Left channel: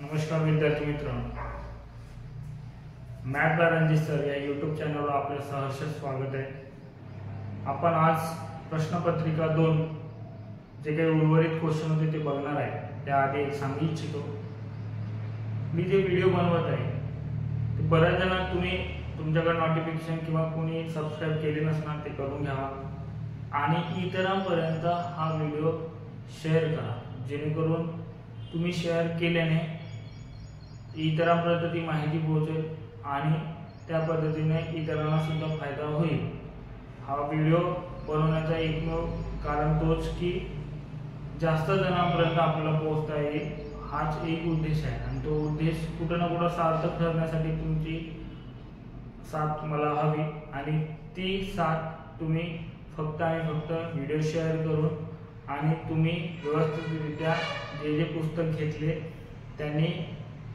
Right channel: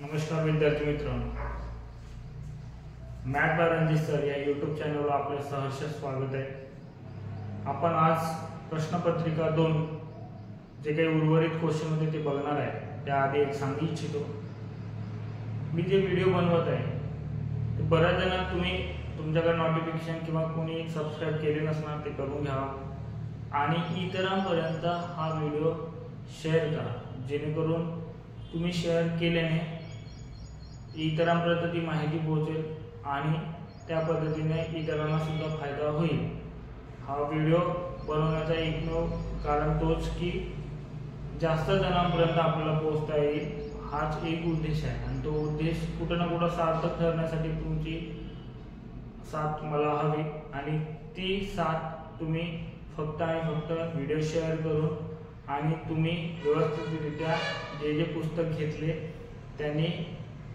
नमस्कार विद्यार्थी मित्रांनो, मॅथ बाय रणजित सर या यूट्यूब चॅनलवर आपले सहर्ष स्वागत आहे। आपण आज प्रश्नपत्रिका 2 जे काही उर्वरित क्वेश्चन होते ते बघणार आहे। त्याआधी एक सांगू इच्छितो, मी जे व्हिडिओ बनवत आहे ते बऱ्याच जण तुम्ही तुमच्याकडे नोटिफिकेशन किंवा कोणी सबस्क्राइब केले नसणार ते करून घ्यावा आणि इतरांपर्यंत हा व्हिडिओ शेअर करा, जेणेकरून तुम्ही शेअर केल्याने इतरांपर्यंत ती माहिती पोहोचेल आणि त्या पद्धतीने इतरांना सुद्धा फायदा होईल। हा व्हिडिओ बनवण्याचा एकमेव कारण तोच की जास्त जणांपर्यंत आपल्याला पोहोचता येईल, हाच एक उद्देश आहे आणि तो उद्देश कुठं ना कुठं सार्थक ठरण्यासाठी तुमची साथ मला हवी आणि ती साथ तुम्ही फक्त आणि फक्त व्हिडिओ शेअर करून आणि तुम्ही व्यवस्थितरित्या जे पुस्तक घेतले त्यांनी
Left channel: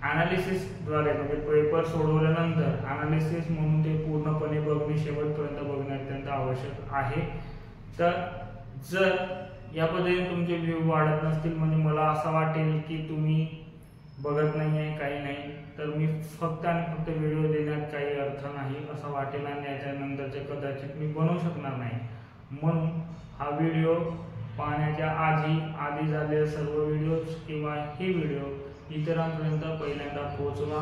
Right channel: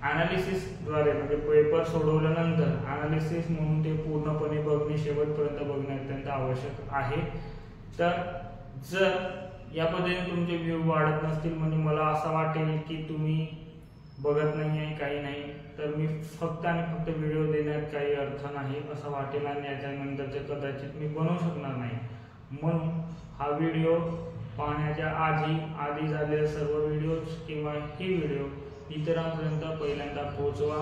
ॲनालिसिस द्वारे म्हणजे पेपर सोडवल्यानंतर ॲनालिसिस म्हणून ते पूर्णपणे बघणे, शेवटपर्यंत बघणे अत्यंत आवश्यक आहे। तर जर या पद्धतीने तुमचे व्ह्यू वाढत नसतील म्हणजे मला असं वाटेल की तुम्ही बघत नाही आहे, काही नाही, तर मी फक्त आणि फक्त व्हिडिओ देण्यात काही अर्थ नाही असं वाटेल आणि याच्यानंतरचे कदाचित मी बनवू शकणार नाही। म्हणून हा व्हिडिओ पाहण्याच्या आधी झालेले सर्व व्हिडिओज किंवा हे व्हिडिओ इतरांपर्यंत पहिल्यांदा पोहोचवा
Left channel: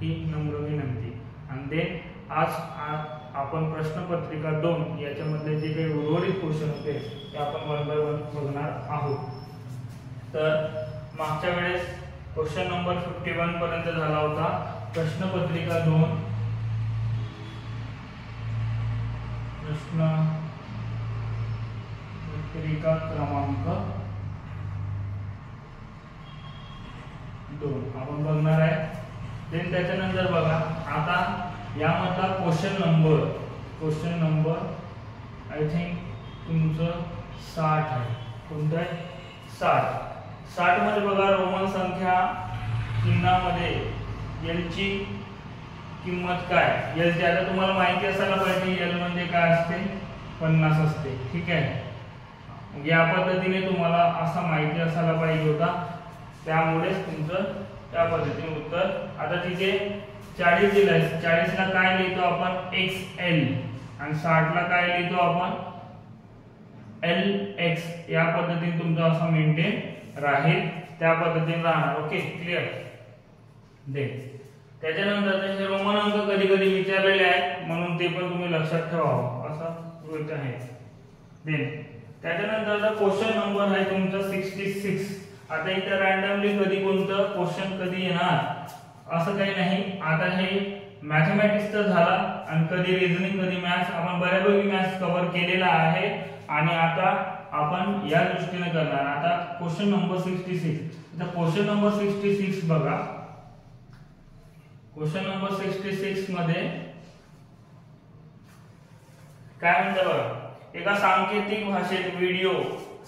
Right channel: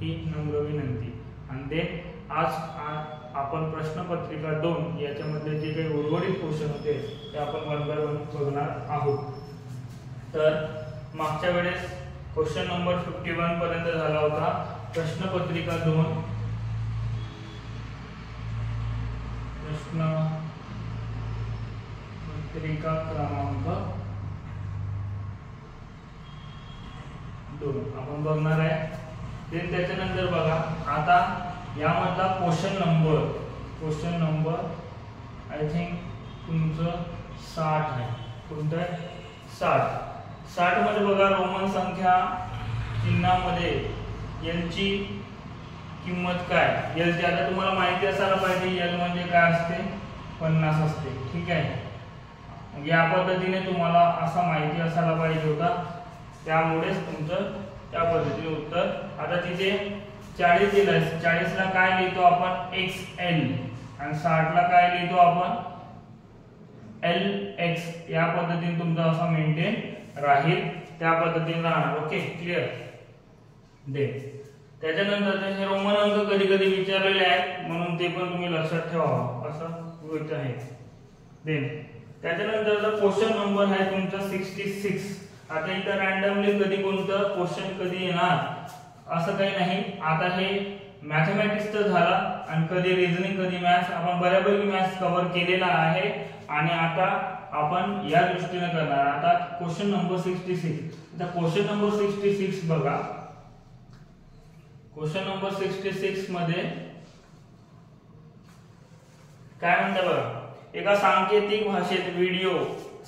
ही नम्र विनंती। आणि आज आपण प्रश्नपत्रिका 2 याच्यामधले जे काही उर्वरित क्वेश्चन होते ते आपण वन बाय वन बघणार आहोत। तर मागच्या वेळेस क्वेश्चन नंबर 51 पर्यंत झाला होता। प्रश्नपत्रिका 2 प्रश्नपत्रिका क्रमांक 2 आपण बघणार आहे। देन त्याच्यानंतर बघा आता यामधला क्वेश्चन नंबर आय थिंक तुमचं 60 आहे। कोणतं आहे? 60 मध्ये बघा रोमन संख्या चिन्हामध्ये एल ची किंमत काय? एल ची आता तुम्हाला माहिती असायला पाहिजे एल म्हणजे काय असते, 50 असते, ठीक आहे। या पद्धतीने तुम्हाला असं माहिती असायला पाहिजे होता, त्यामुळेच तुमचं त्या पद्धतीने उत्तर। आता तिथे 40 दिलाय, 40 ला काय लिहितो आपण XL आणि 60 ला काय लिहितो आपण LX। या पद्धतीने तुमचं असं मेंटेन राहील, त्या पद्धतीने राहणार। Okay, clear. दे त्याच्यानंतर हे रोमन अंक कधी कधी विचारलेले आहेत म्हणून ते पण तुम्ही लक्षात ठेवावं असं गोष्ट आहे। देन त्याच्यानंतर क्वेश्चन नंबर आहे तुमचा 66। आता इथे रॅन्डमली कधी कोणतं क्वेश्चन कधी येणार असं काही नाही। आता हे मॅथमॅटिक्स तर झाला आणि कधी रिझनिंग कधी मॅथ्स, आपण बऱ्यापैकी मॅथ्स कव्हर केलेला आहे आणि आता आपण या दृष्टीने करणार। आता क्वेश्चन नंबर 66। आता क्वेश्चन नंबर 66 बघा, क्वेश्चन नंबर 66 मध्ये काय म्हणतात बघा, एका सांकेतिक भाषेत व्हिडिओ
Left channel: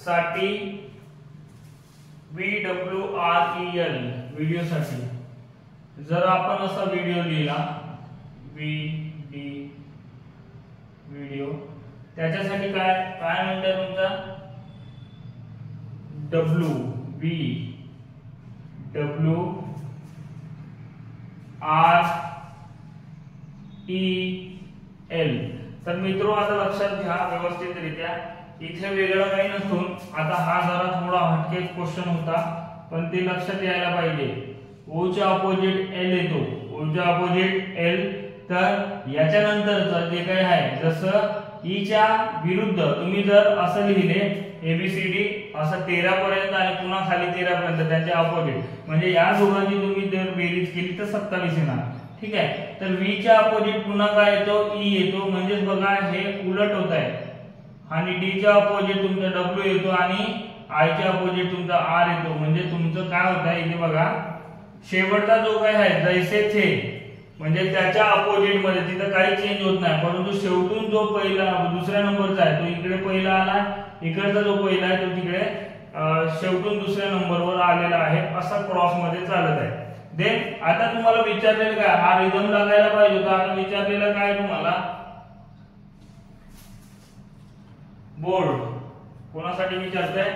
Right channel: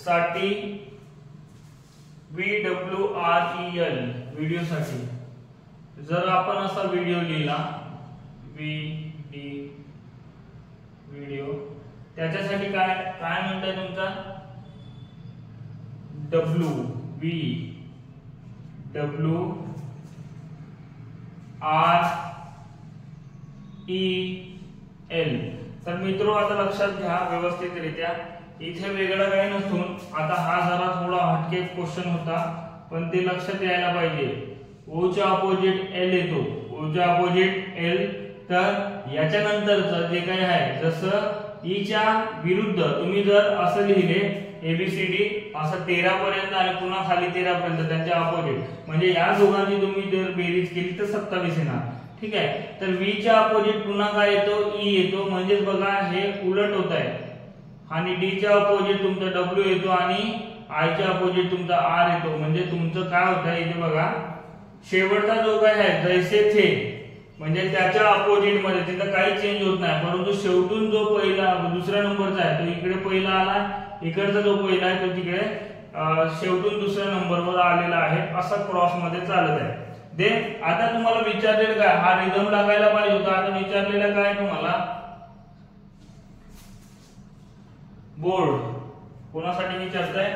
साठी VWREL व्हिडिओ साठी जर आपण असा व्हिडिओ लिहिला व्हिडिओ त्याच्यासाठी काय म्हणताय तुमचा WWREL। तर मित्रो आता लक्षात घ्या व्यवस्थितरित्या, इथे वेगळं काही नसून आता हा जरा थोडा हटके क्वेश्चन होता पण ते लक्षात यायला पाहिजे। O च्या अपोजिट L येतो, O च्या अपोजिट L, तर याच्यानंतरचं जे काही आहे जसं E च्या विरुद्ध तुम्ही जर असं लिहिले ABCD असं 13 पर्यंत आणि पुन्हा खाली 13 पर्यंत त्यांच्या अपोजिट, म्हणजे या दोघांची तुम्ही जर बेरीज केली तर 27 येणार, ठीक आहे। तर V च्या अपोजिट पुन्हा काय येतो, E येतो, म्हणजेच बघा हे उलट होत आहे आणि D च्या अपोजिट तुमचा W येतो आणि I च्या अपोजिट तुमचा R येतो, म्हणजे तुमचं काय होत आहे इथे बघा शेवटचा जो काय आहे जैसे थे म्हणजे त्याच्या अपोजिट मध्ये तिथं काही चेंज होत नाही, परंतु शेवटून जो पहिला दुसऱ्या नंबरचा आहे तो इकडे पहिला आला, इकडचा जो पहिला आहे तो तिकडे शेवटून दुसऱ्या नंबरवर आलेला आहे, असं क्रॉस मध्ये चालत आहे। देन आता तुम्हाला विचारलेलं काय, हा रिदम लागायला पाहिजे होता, आता विचारलेलं काय तुम्हाला बोर्ड, कोणासाठी विचारताय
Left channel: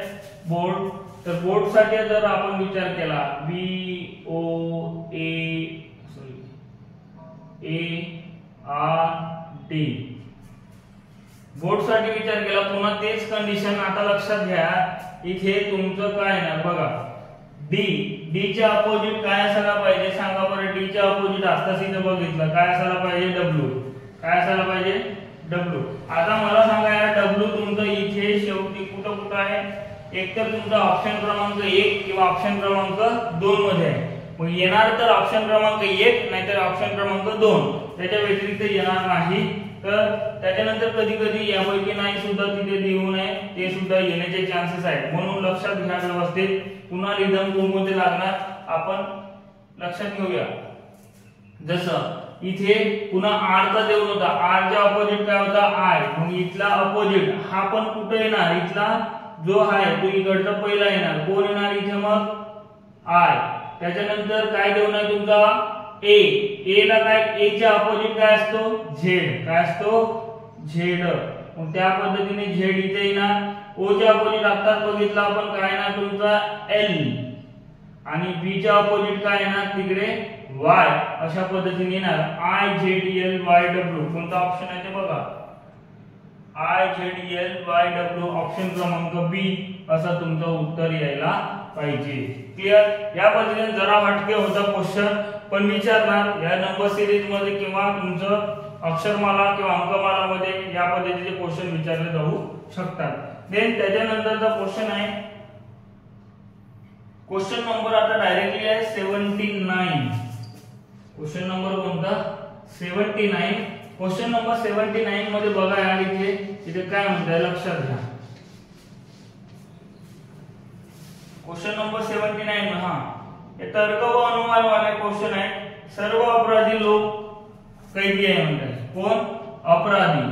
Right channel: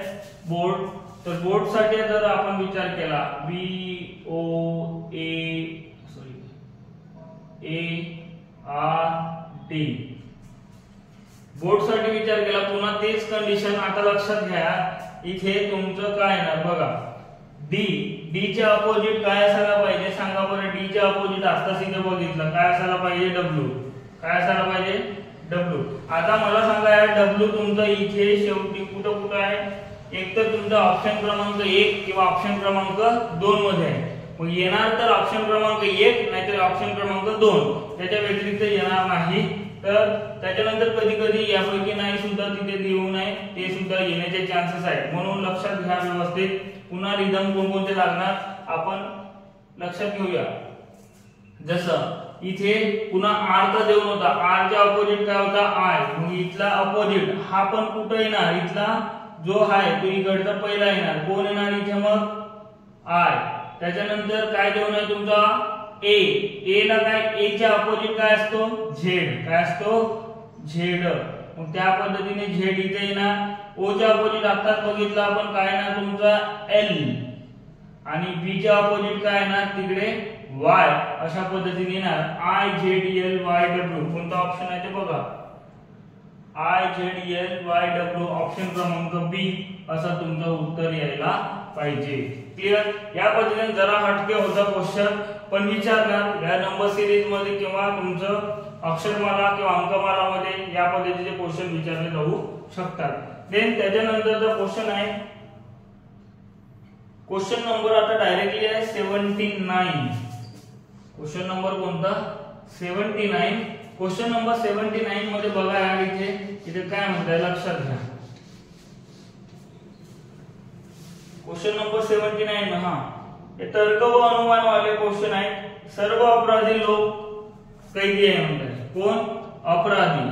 बोर्ड तर बोर्ड साठी जर आपण विचार केला BOARD बोर्ड साठी विचार केला, पुन्हा तेच कंडिशन आता लक्षात घ्या, इथे तुमचं काय येणार बघा, डी च्या अपोजिट काय असायला पाहिजे सांगा बरं, डी च्या अपोजिट आताच इथे बघितलं काय असायला पाहिजे, डब्ल्यू. काय असायला पाहिजे, डब्ल्यू. आता मला सांगा या डब्ल्यू तुमचं इथे शेवटी कुठं आहे, एक तर तुमचा ऑप्शन क्रमांक 1 किंवा ऑप्शन क्रमांक 2 मध्ये आहे. मग येणार तर ऑप्शन क्रमांक 1 नाहीतर ऑप्शन क्रमांक 2, त्याच्या व्यतिरिक्त येणार नाही. तर त्याच्यानंतर कधी कधी यापैकी नाही सुद्धा तिथे लिहू नये, ते सुद्धा येण्याचे चान्सेस आहेत. म्हणून लक्षात घ्या व्यवस्थित. पुन्हा रिदम कोणते लागणार आपण लक्षात घेऊया. जसं इथे पुन्हा आर चा देऊन होता, आर च्या अपोजिट काय होता, आय. मग इथला अपोजिट हा पण कुठे येणार, इथला जो आहे तो इकडचा पहिला येणार, कोण येणार इथे मग, आय. त्याच्यानंतर काय देऊन आहे तुमचा ए ला काय, ए च्या अपोजिट काय असतो, झेड. काय असतो, झेड. मग त्या पद्धतीने झेड इथे येणार. ओ च्या अपोजिट आताच बघितलं आपण काय येणार तुमचा एल, आणि बी च्या अपोजिट काय येणार तिकडे वाय. अशा पद्धतीने येणार IZLYW. कोणता ऑप्शन आहे ते बघा, IZLYW ऑप्शन क्रमांक बी असं तुमचं उत्तर यायला पाहिजे. क्लिअर. या पद्धतीने जरा हटके होता क्वेश्चन, पण विचारणार या नंबर सिरीज मध्ये किंवा तुमचं अक्षरमाला किंवा अंकमाला मध्ये या पद्धतीचे क्वेश्चन विचारले जाऊ शकतात. देन त्याच्यानंतरचा क्वेश्चन आहे, क्वेश्चन नंबर आता डायरेक्टली आहे 79. क्वेश्चन नंबर कोणता, 79. क्वेश्चन नंबर 79 मध्ये बघा यार, इथे काय म्हणताय लक्षात घ्या. क्वेश्चन नंबर 79 हा हे तर्क व अनुमान वाले क्वेश्चन आहे. सर्व अपराधी लोक कैदी आहे म्हणतात. कोण, अपराधी.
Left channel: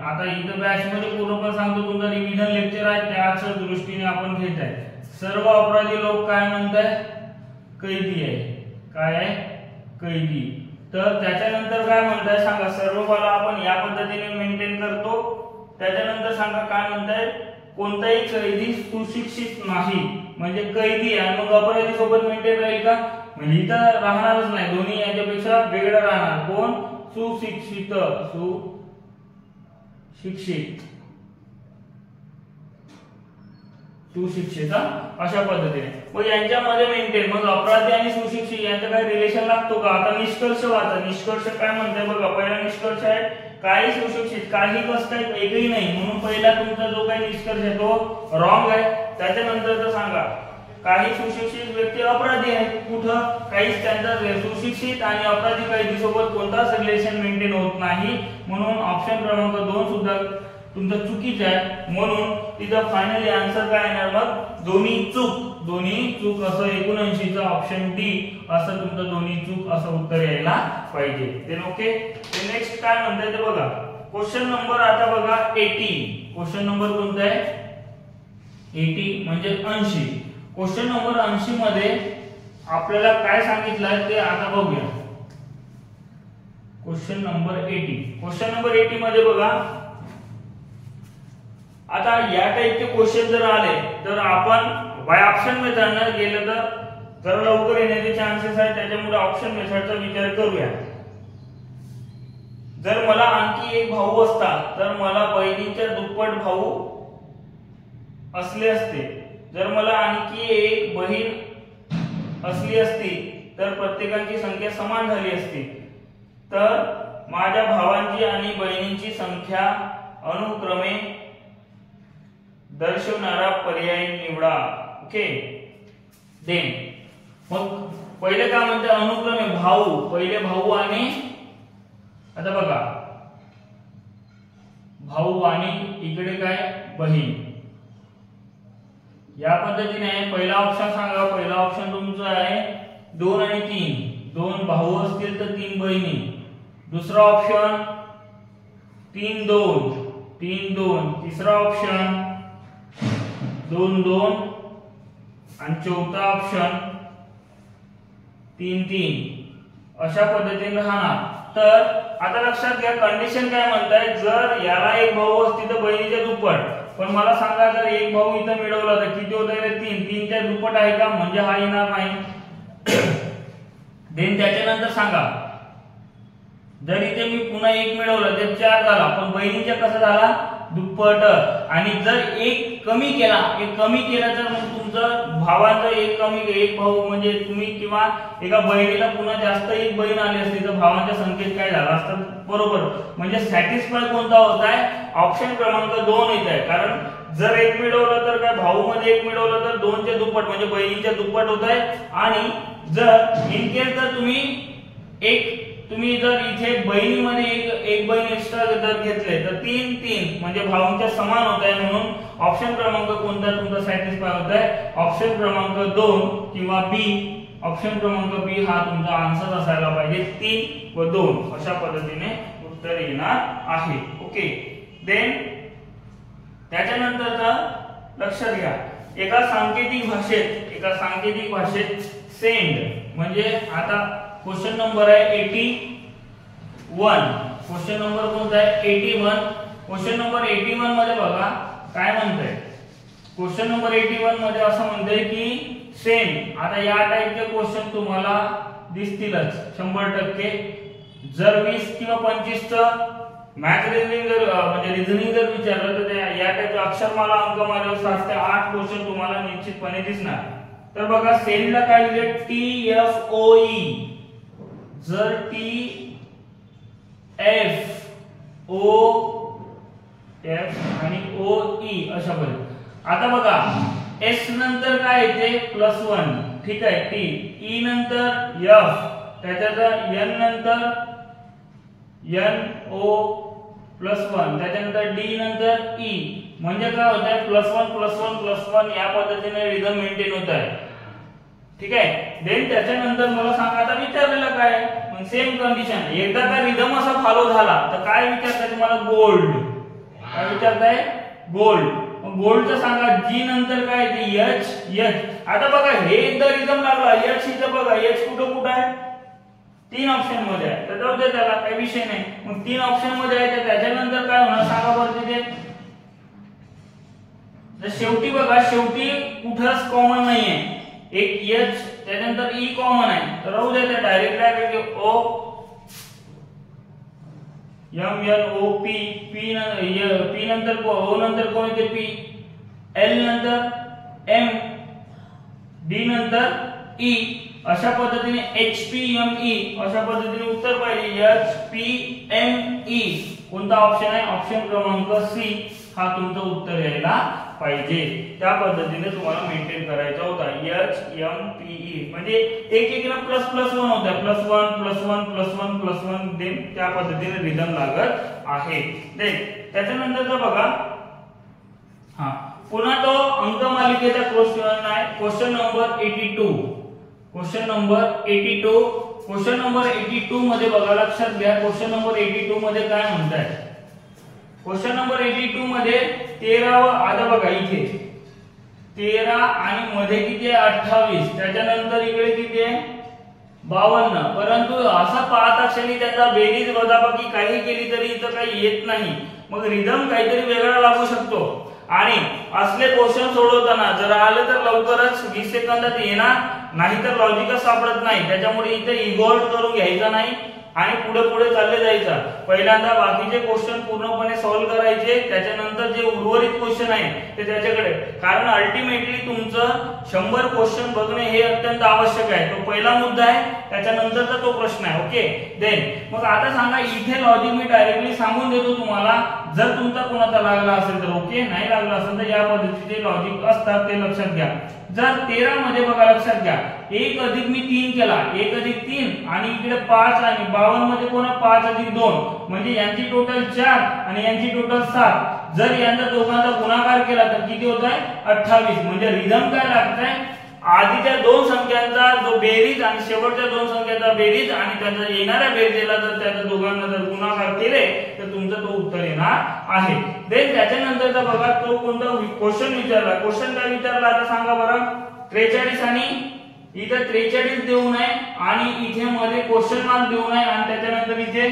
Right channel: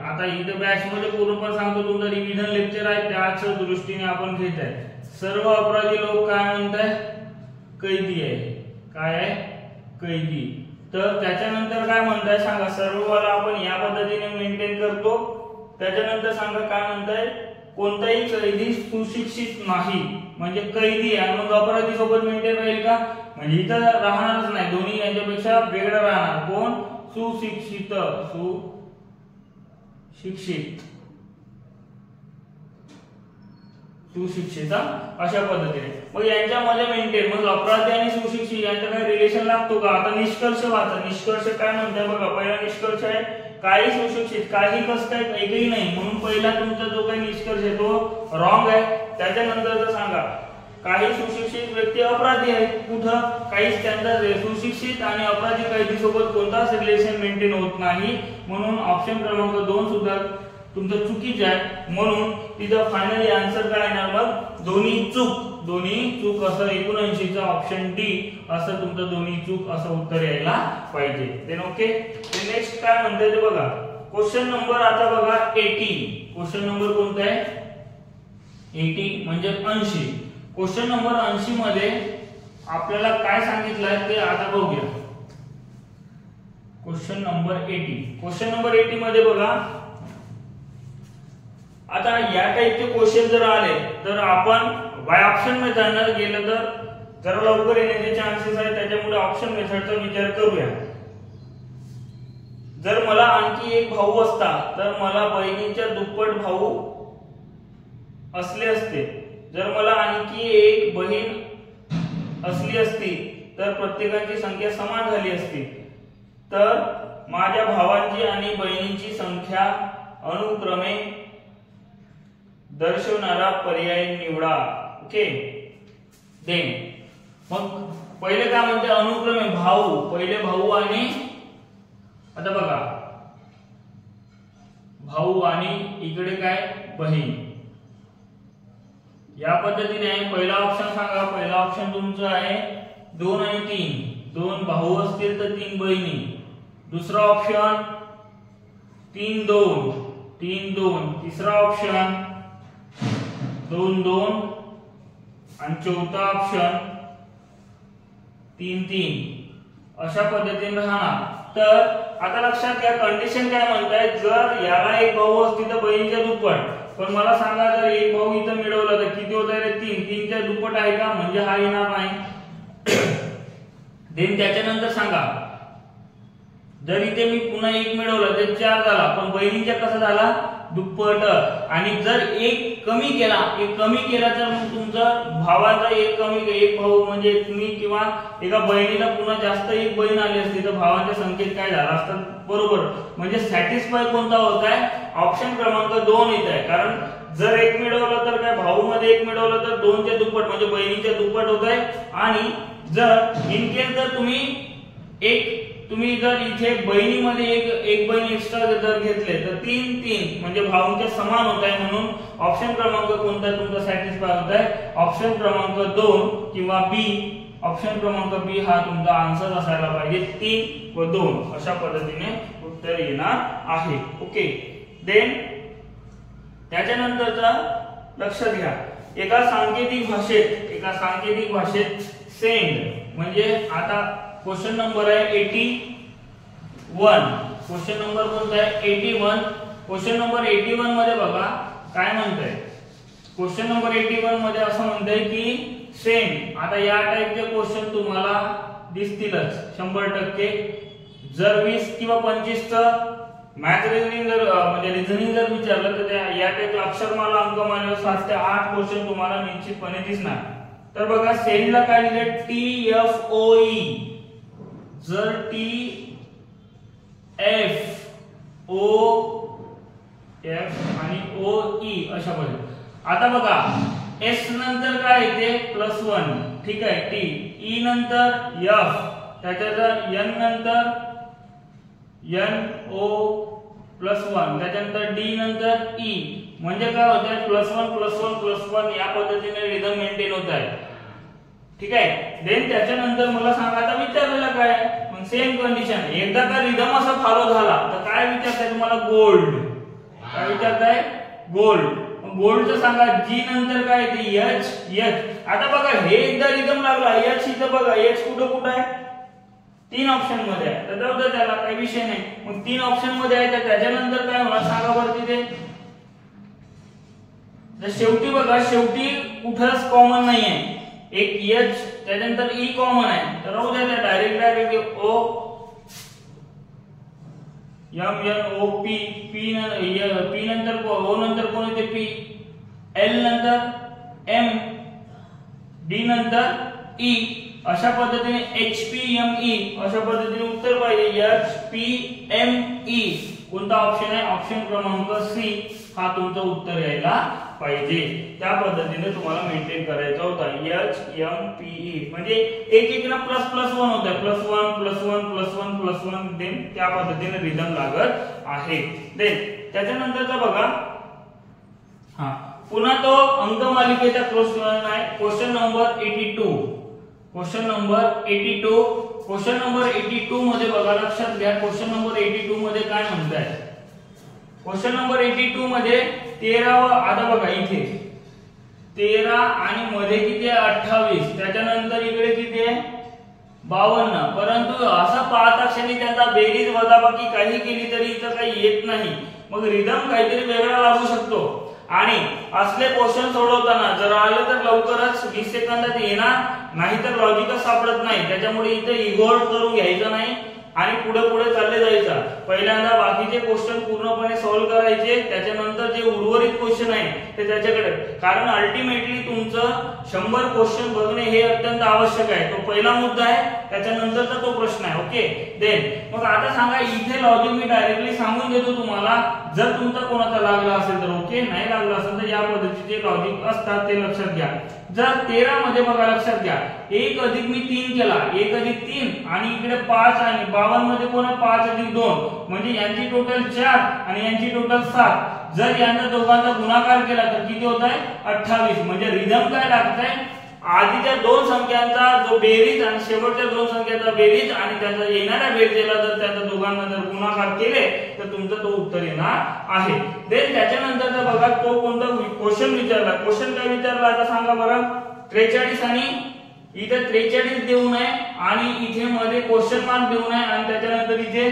आता इथे बॅच मध्ये पूर्णपणे सांगतो, तुमचं रिव्हिजन लेक्चर आहे त्याच दृष्टीने आपण घेत आहे. सर्व अपराधी लोक काय म्हणताय, कैदी आहे. काय आहे, कैदी. तर त्याच्यानंतर काय म्हणताय सांगा, सर्व बाला आपण या पद्धतीने मेंटेन करतो. त्याच्यानंतर सांगा काय म्हणताय, कोणताही कैदी सुशिक्षित नाही, म्हणजे कैदी आहे मग अपराधी सोबत मेंटेन राहील का, म्हणजे इथं राहणारच नाही, दोन्ही यांच्यापेक्षा वेगळं राहणार. कोण, सुशिक्षित. सुशिक्षित अशा पद्धतीने मग यांच्यामध्ये मेंटेन. मग अपराधी आणि सुशिक्षित यांचं काय रिलेशन लागतो का. आता निष्कर्ष वाचा. निष्कर्ष काय म्हणताय बघा, पहिला निष्कर्ष आहे काही सुशिक्षित काही कष्ट आहेत एकही नाही, म्हणून पहिला तुमचा जो काही निष्कर्ष आहे तो रॉंग आहे. त्याच्यानंतर सांगा काही सुशिक्षित व्यक्ती अपराधी आहेत, कुठं काहीच त्यांचा सुशिक्षित आणि अपराधी कैदी सोबत कोणताच रिलेशन मेंटेन होत नाही, म्हणून ऑप्शन क्रमांक 2 सुद्धा तुमचं चुकीचं आहे. म्हणून तिथं फायनली आन्सर काय येणार मग, दोन्ही चूक असं 79 चा ऑप्शन डी असं तुमचं दोन्ही चूक असं उत्तर यायला पाहिजे. Then okay. नेक्स्ट काय म्हणताय ते बघा, क्वेश्चन नंबर आता बघा 80. क्वेश्चन नंबर कोणता आहे, 80 म्हणजे 80. क्वेश्चन नंबर 80 मध्ये आपल्याला काय सांगितलंय ते आता बघूया. Question number 80. क्वेश्चन नंबर 80 मध्ये बघा, आता या टाइपचे क्वेश्चन जर आले तर आपण बाय ऑप्शन मेथडने गेलं तर जरा लवकर येण्याचे चान्सेस आहेत, त्याच्यामुळे ऑप्शन मेथडचा विचार करूया. जर मला आणखी एक भाऊ असता तर मला बहिणीच्या दुप्पट भाऊ असले असते. जर मला आणखी एक बहीण असली असती तर प्रत्येकाची संख्या समान झाली असती. तर माझ्या भावांची आणि बहिणींची संख्या अनुक्रमे दर्शवणारा पर्याय निवडा. ओके. देन मग पहिले काय म्हणते, अनुक्रमे भाऊ, पहिले भाऊ आणि आता बघा भाऊ आणि इकडे काय बहीण, या पद्धतीने आहे. पहिला ऑप्शन सांगा, पहिला ऑप्शन तुमचा आहे 2 आणि 3. 2 भाऊ असतील तर 3 बहिणी. दुसरा ऑप्शन 3 2 3 2. तिसरा ऑप्शन 2 2 आणि चौथा ऑप्शन 3 3. अशा पद्धतीने राहणार. तर आता लक्षात घ्या कंडिशन काय म्हणताय, जर याला एक भाऊ असती तर बहिणीच्या दुप्पट, पण मला सांगा जर एक भाऊ इथं मिळवला तर किती होत आहे? 3. 3 च्या दुप्पट आहे का? म्हणजे हा येणार नाही. देन त्याच्यानंतर सांगा जर इथे मी पुन्हा 1 मिळवला तर 4 झाला, पण बहिणींचा कसा झाला? दुप्पट. आणि जर एक कमी केला तर मग तुमचं भावाचा एक भाऊ म्हणजे तुम्ही किंवा एका बहिणीला पुन्हा जास्त एक बहीण आली असती तर भावांच्या संख्येत काय झालं असतं? बरोबर. म्हणजे सॅटिस्फाय कोणता होत आहे? ऑप्शन क्रमांक 2 येत आहे. कारण जर 1 मिळवलं तर काय भाऊ मध्ये 1 मिळवलं तर 2 च्या दुप्पट म्हणजे बहिणीच्या दुप्पट होत आहे. आणि जर इन केस जर तुम्ही जर इथे बहिणीमध्ये एक बहीण एक्स्ट्रा जर घेतले तर 3 म्हणजे भावांच्या समान होत आहे. म्हणून ऑप्शन क्रमांक कोणता तुमचा सॅटिस्फाय होत आहे? ऑप्शन क्रमांक 2 किंवा बी. ऑप्शन क्रमांक बी हा तुमचा आन्सर असायला पाहिजे. 3 व 2 अशा पद्धतीने उत्तर येणार आहे. ओके. देन त्याच्यानंतरचा लक्षात घ्या, एका सांकेतिक भाषेत सेंड म्हणजे आता क्वेश्चन नंबर आहे 81. क्वेश्चन नंबर कोणता आहे? 81. क्वेश्चन नंबर 81 मध्ये बघा काय म्हणतंय. क्वेश्चन नंबर 81 मध्ये असं म्हणतंय की सेंड. आता या टाइपचे क्वेश्चन तुम्हाला दिसतीलच 100%. जर 20 किंवा 25 चं मॅथ रिझनिंग म्हणजे रिझनिंग जर विचारलं तर या टाइपचे अक्षरमाला अंकमालेवर 7 ते 8 क्वेश्चन तुम्हाला निश्चितपणे दिसणार. तर बघा सेंडला काय लिहिले? TFOE. जर TFOF आणि OE अशा पद्धतीने. आता बघा S नंतर काय येते? +1. ठीक आहे. T. E नंतर F. त्याच्यानंतर N नंतर NO+1. त्याच्यानंतर D नंतर E. म्हणजे काय होत आहे? +1 या पद्धतीने रिदम मेंटेन होत आहे. ठीक आहे. देन त्याच्यानंतर मला सांगा आता विचारलेलं काय आहे? मग सेम कंडिशन. एकदा का रिदम असा फॉलो झाला तर काय विचारताय तुम्हाला? गोल्ड. काय विचारताय? गोल्ड. मग गोल्डचं सांगा. G नंतर काय येते? H. आता बघा हे एकदा रिदम लागला H इथं बघा H कुठं आहे? 3 ऑप्शन मध्ये आहे. तर जाऊ दे त्याला काही विषय नाही. मग 3 ऑप्शन मध्ये आहे तर त्याच्यानंतर काय होणार सांगा बरं तिथे? तर शेवटी बघा शेवटी कुठंच कॉमन नाहीये. एक H त्यानंतर E कॉमन आहे. तर राहू द्या त्या direct O M N O P. P नंतर O नंतर कोण येते? P. L नंतर M. D नंतर E. अशा पद्धतीने HPME अशा पद्धतीने उत्तर पाहिजे. HPME कोणता ऑप्शन आहे? ऑप्शन क्रमांक C हा तुमचं उत्तर यायला पाहिजे. त्या पद्धतीने तुम्हाला मेंटेन करायचा होता. HMPE म्हणजे एक ना +1 होता. +1 देन त्या पद्धतीने रिदम लागत आहे. देन त्याच्यानंतरचा बघा पुन्हा तो अंकमालिकेचा क्वेश्चन आहे. Question number 82. क्वेश्चन नंबर 82 मध्ये बघा लक्षात घ्या. क्वेश्चन नंबर 82 मध्ये काय म्हणताय? क्वेश्चन नंबर 82 मध्ये 13 आता बघा इथे 13 आणि मध्ये किती आहे? 28. त्याच्यानंतर इकडे किती आहे? 52. परंतु असं पाहता क्षणी त्यांचा बेरीज वजाबाकी काही केली तरी इथं काही येत नाही. मग रिदम काहीतरी वेगळा लागू शकतो. आणि असले क्वेश्चन सोडवताना जर आलं तर लवकरच 20 सेकंदात येणार, नाहीतर लॉजिकच सापडत नाही. त्याच्यामुळे इथे इगोर करून घ्यायचा नाही आणि पुढे चालले जायचा. पहिल्यांदा बाकीचे क्वेश्चन पूर्णपणे सॉल्व्ह करायचे. त्याच्यानंतर जे उर्वरित क्वेश्चन आहे ते त्याच्याकडे. कारण अल्टिमेटली तुमचं 100 क्वेश्चन बघणे हे अत्यंत आवश्यक आहे. तो पहिला मुद्दा आहे. त्याच्यानंतरचा तो प्रश्न आहे. ओके. देन मग आता सांगा इथे लॉजिक मी डायरेक्टली सांगून देतो तुम्हाला. जर तुमचा कोणाचा लागला असेल तर ओके, नाही लागला असेल तर या पद्धतीचे लॉजिक असतात ते लक्षात घ्या. जर 13 मध्ये बघा लक्षात घ्या 1 अधिक मी 3 केला 1 अधिक 3 आणि इकडे 5 आणि 52 मध्ये कोण 5 अधिक 2 म्हणजे यांची टोटल 4 आणि यांची टोटल 7. जर यांचा दोघांचा गुणाकार केला तर किती होत आहे? 28. म्हणजे रिदम काय लागतंय? आधीच्या 2 संख्यांचा जो बेरीज आणि शेवटच्या 2 संख्यांचा बेरीज आणि त्यांचा येणाऱ्या बेरजेला जर त्याचा दोघांना जर गुणाकार केले तर तुमचं तो उत्तर येणार आहे. देन त्याच्यानंतरचा बघा तो कोणता क्वेश्चन विचारला. क्वेश्चन काय विचारला आता सांगा बरं? 43 आणि इथे 43 देऊ नये आणि इथे मध्ये क्वेश्चन मार्क देऊ नये आणि त्याच्यानंतर इथे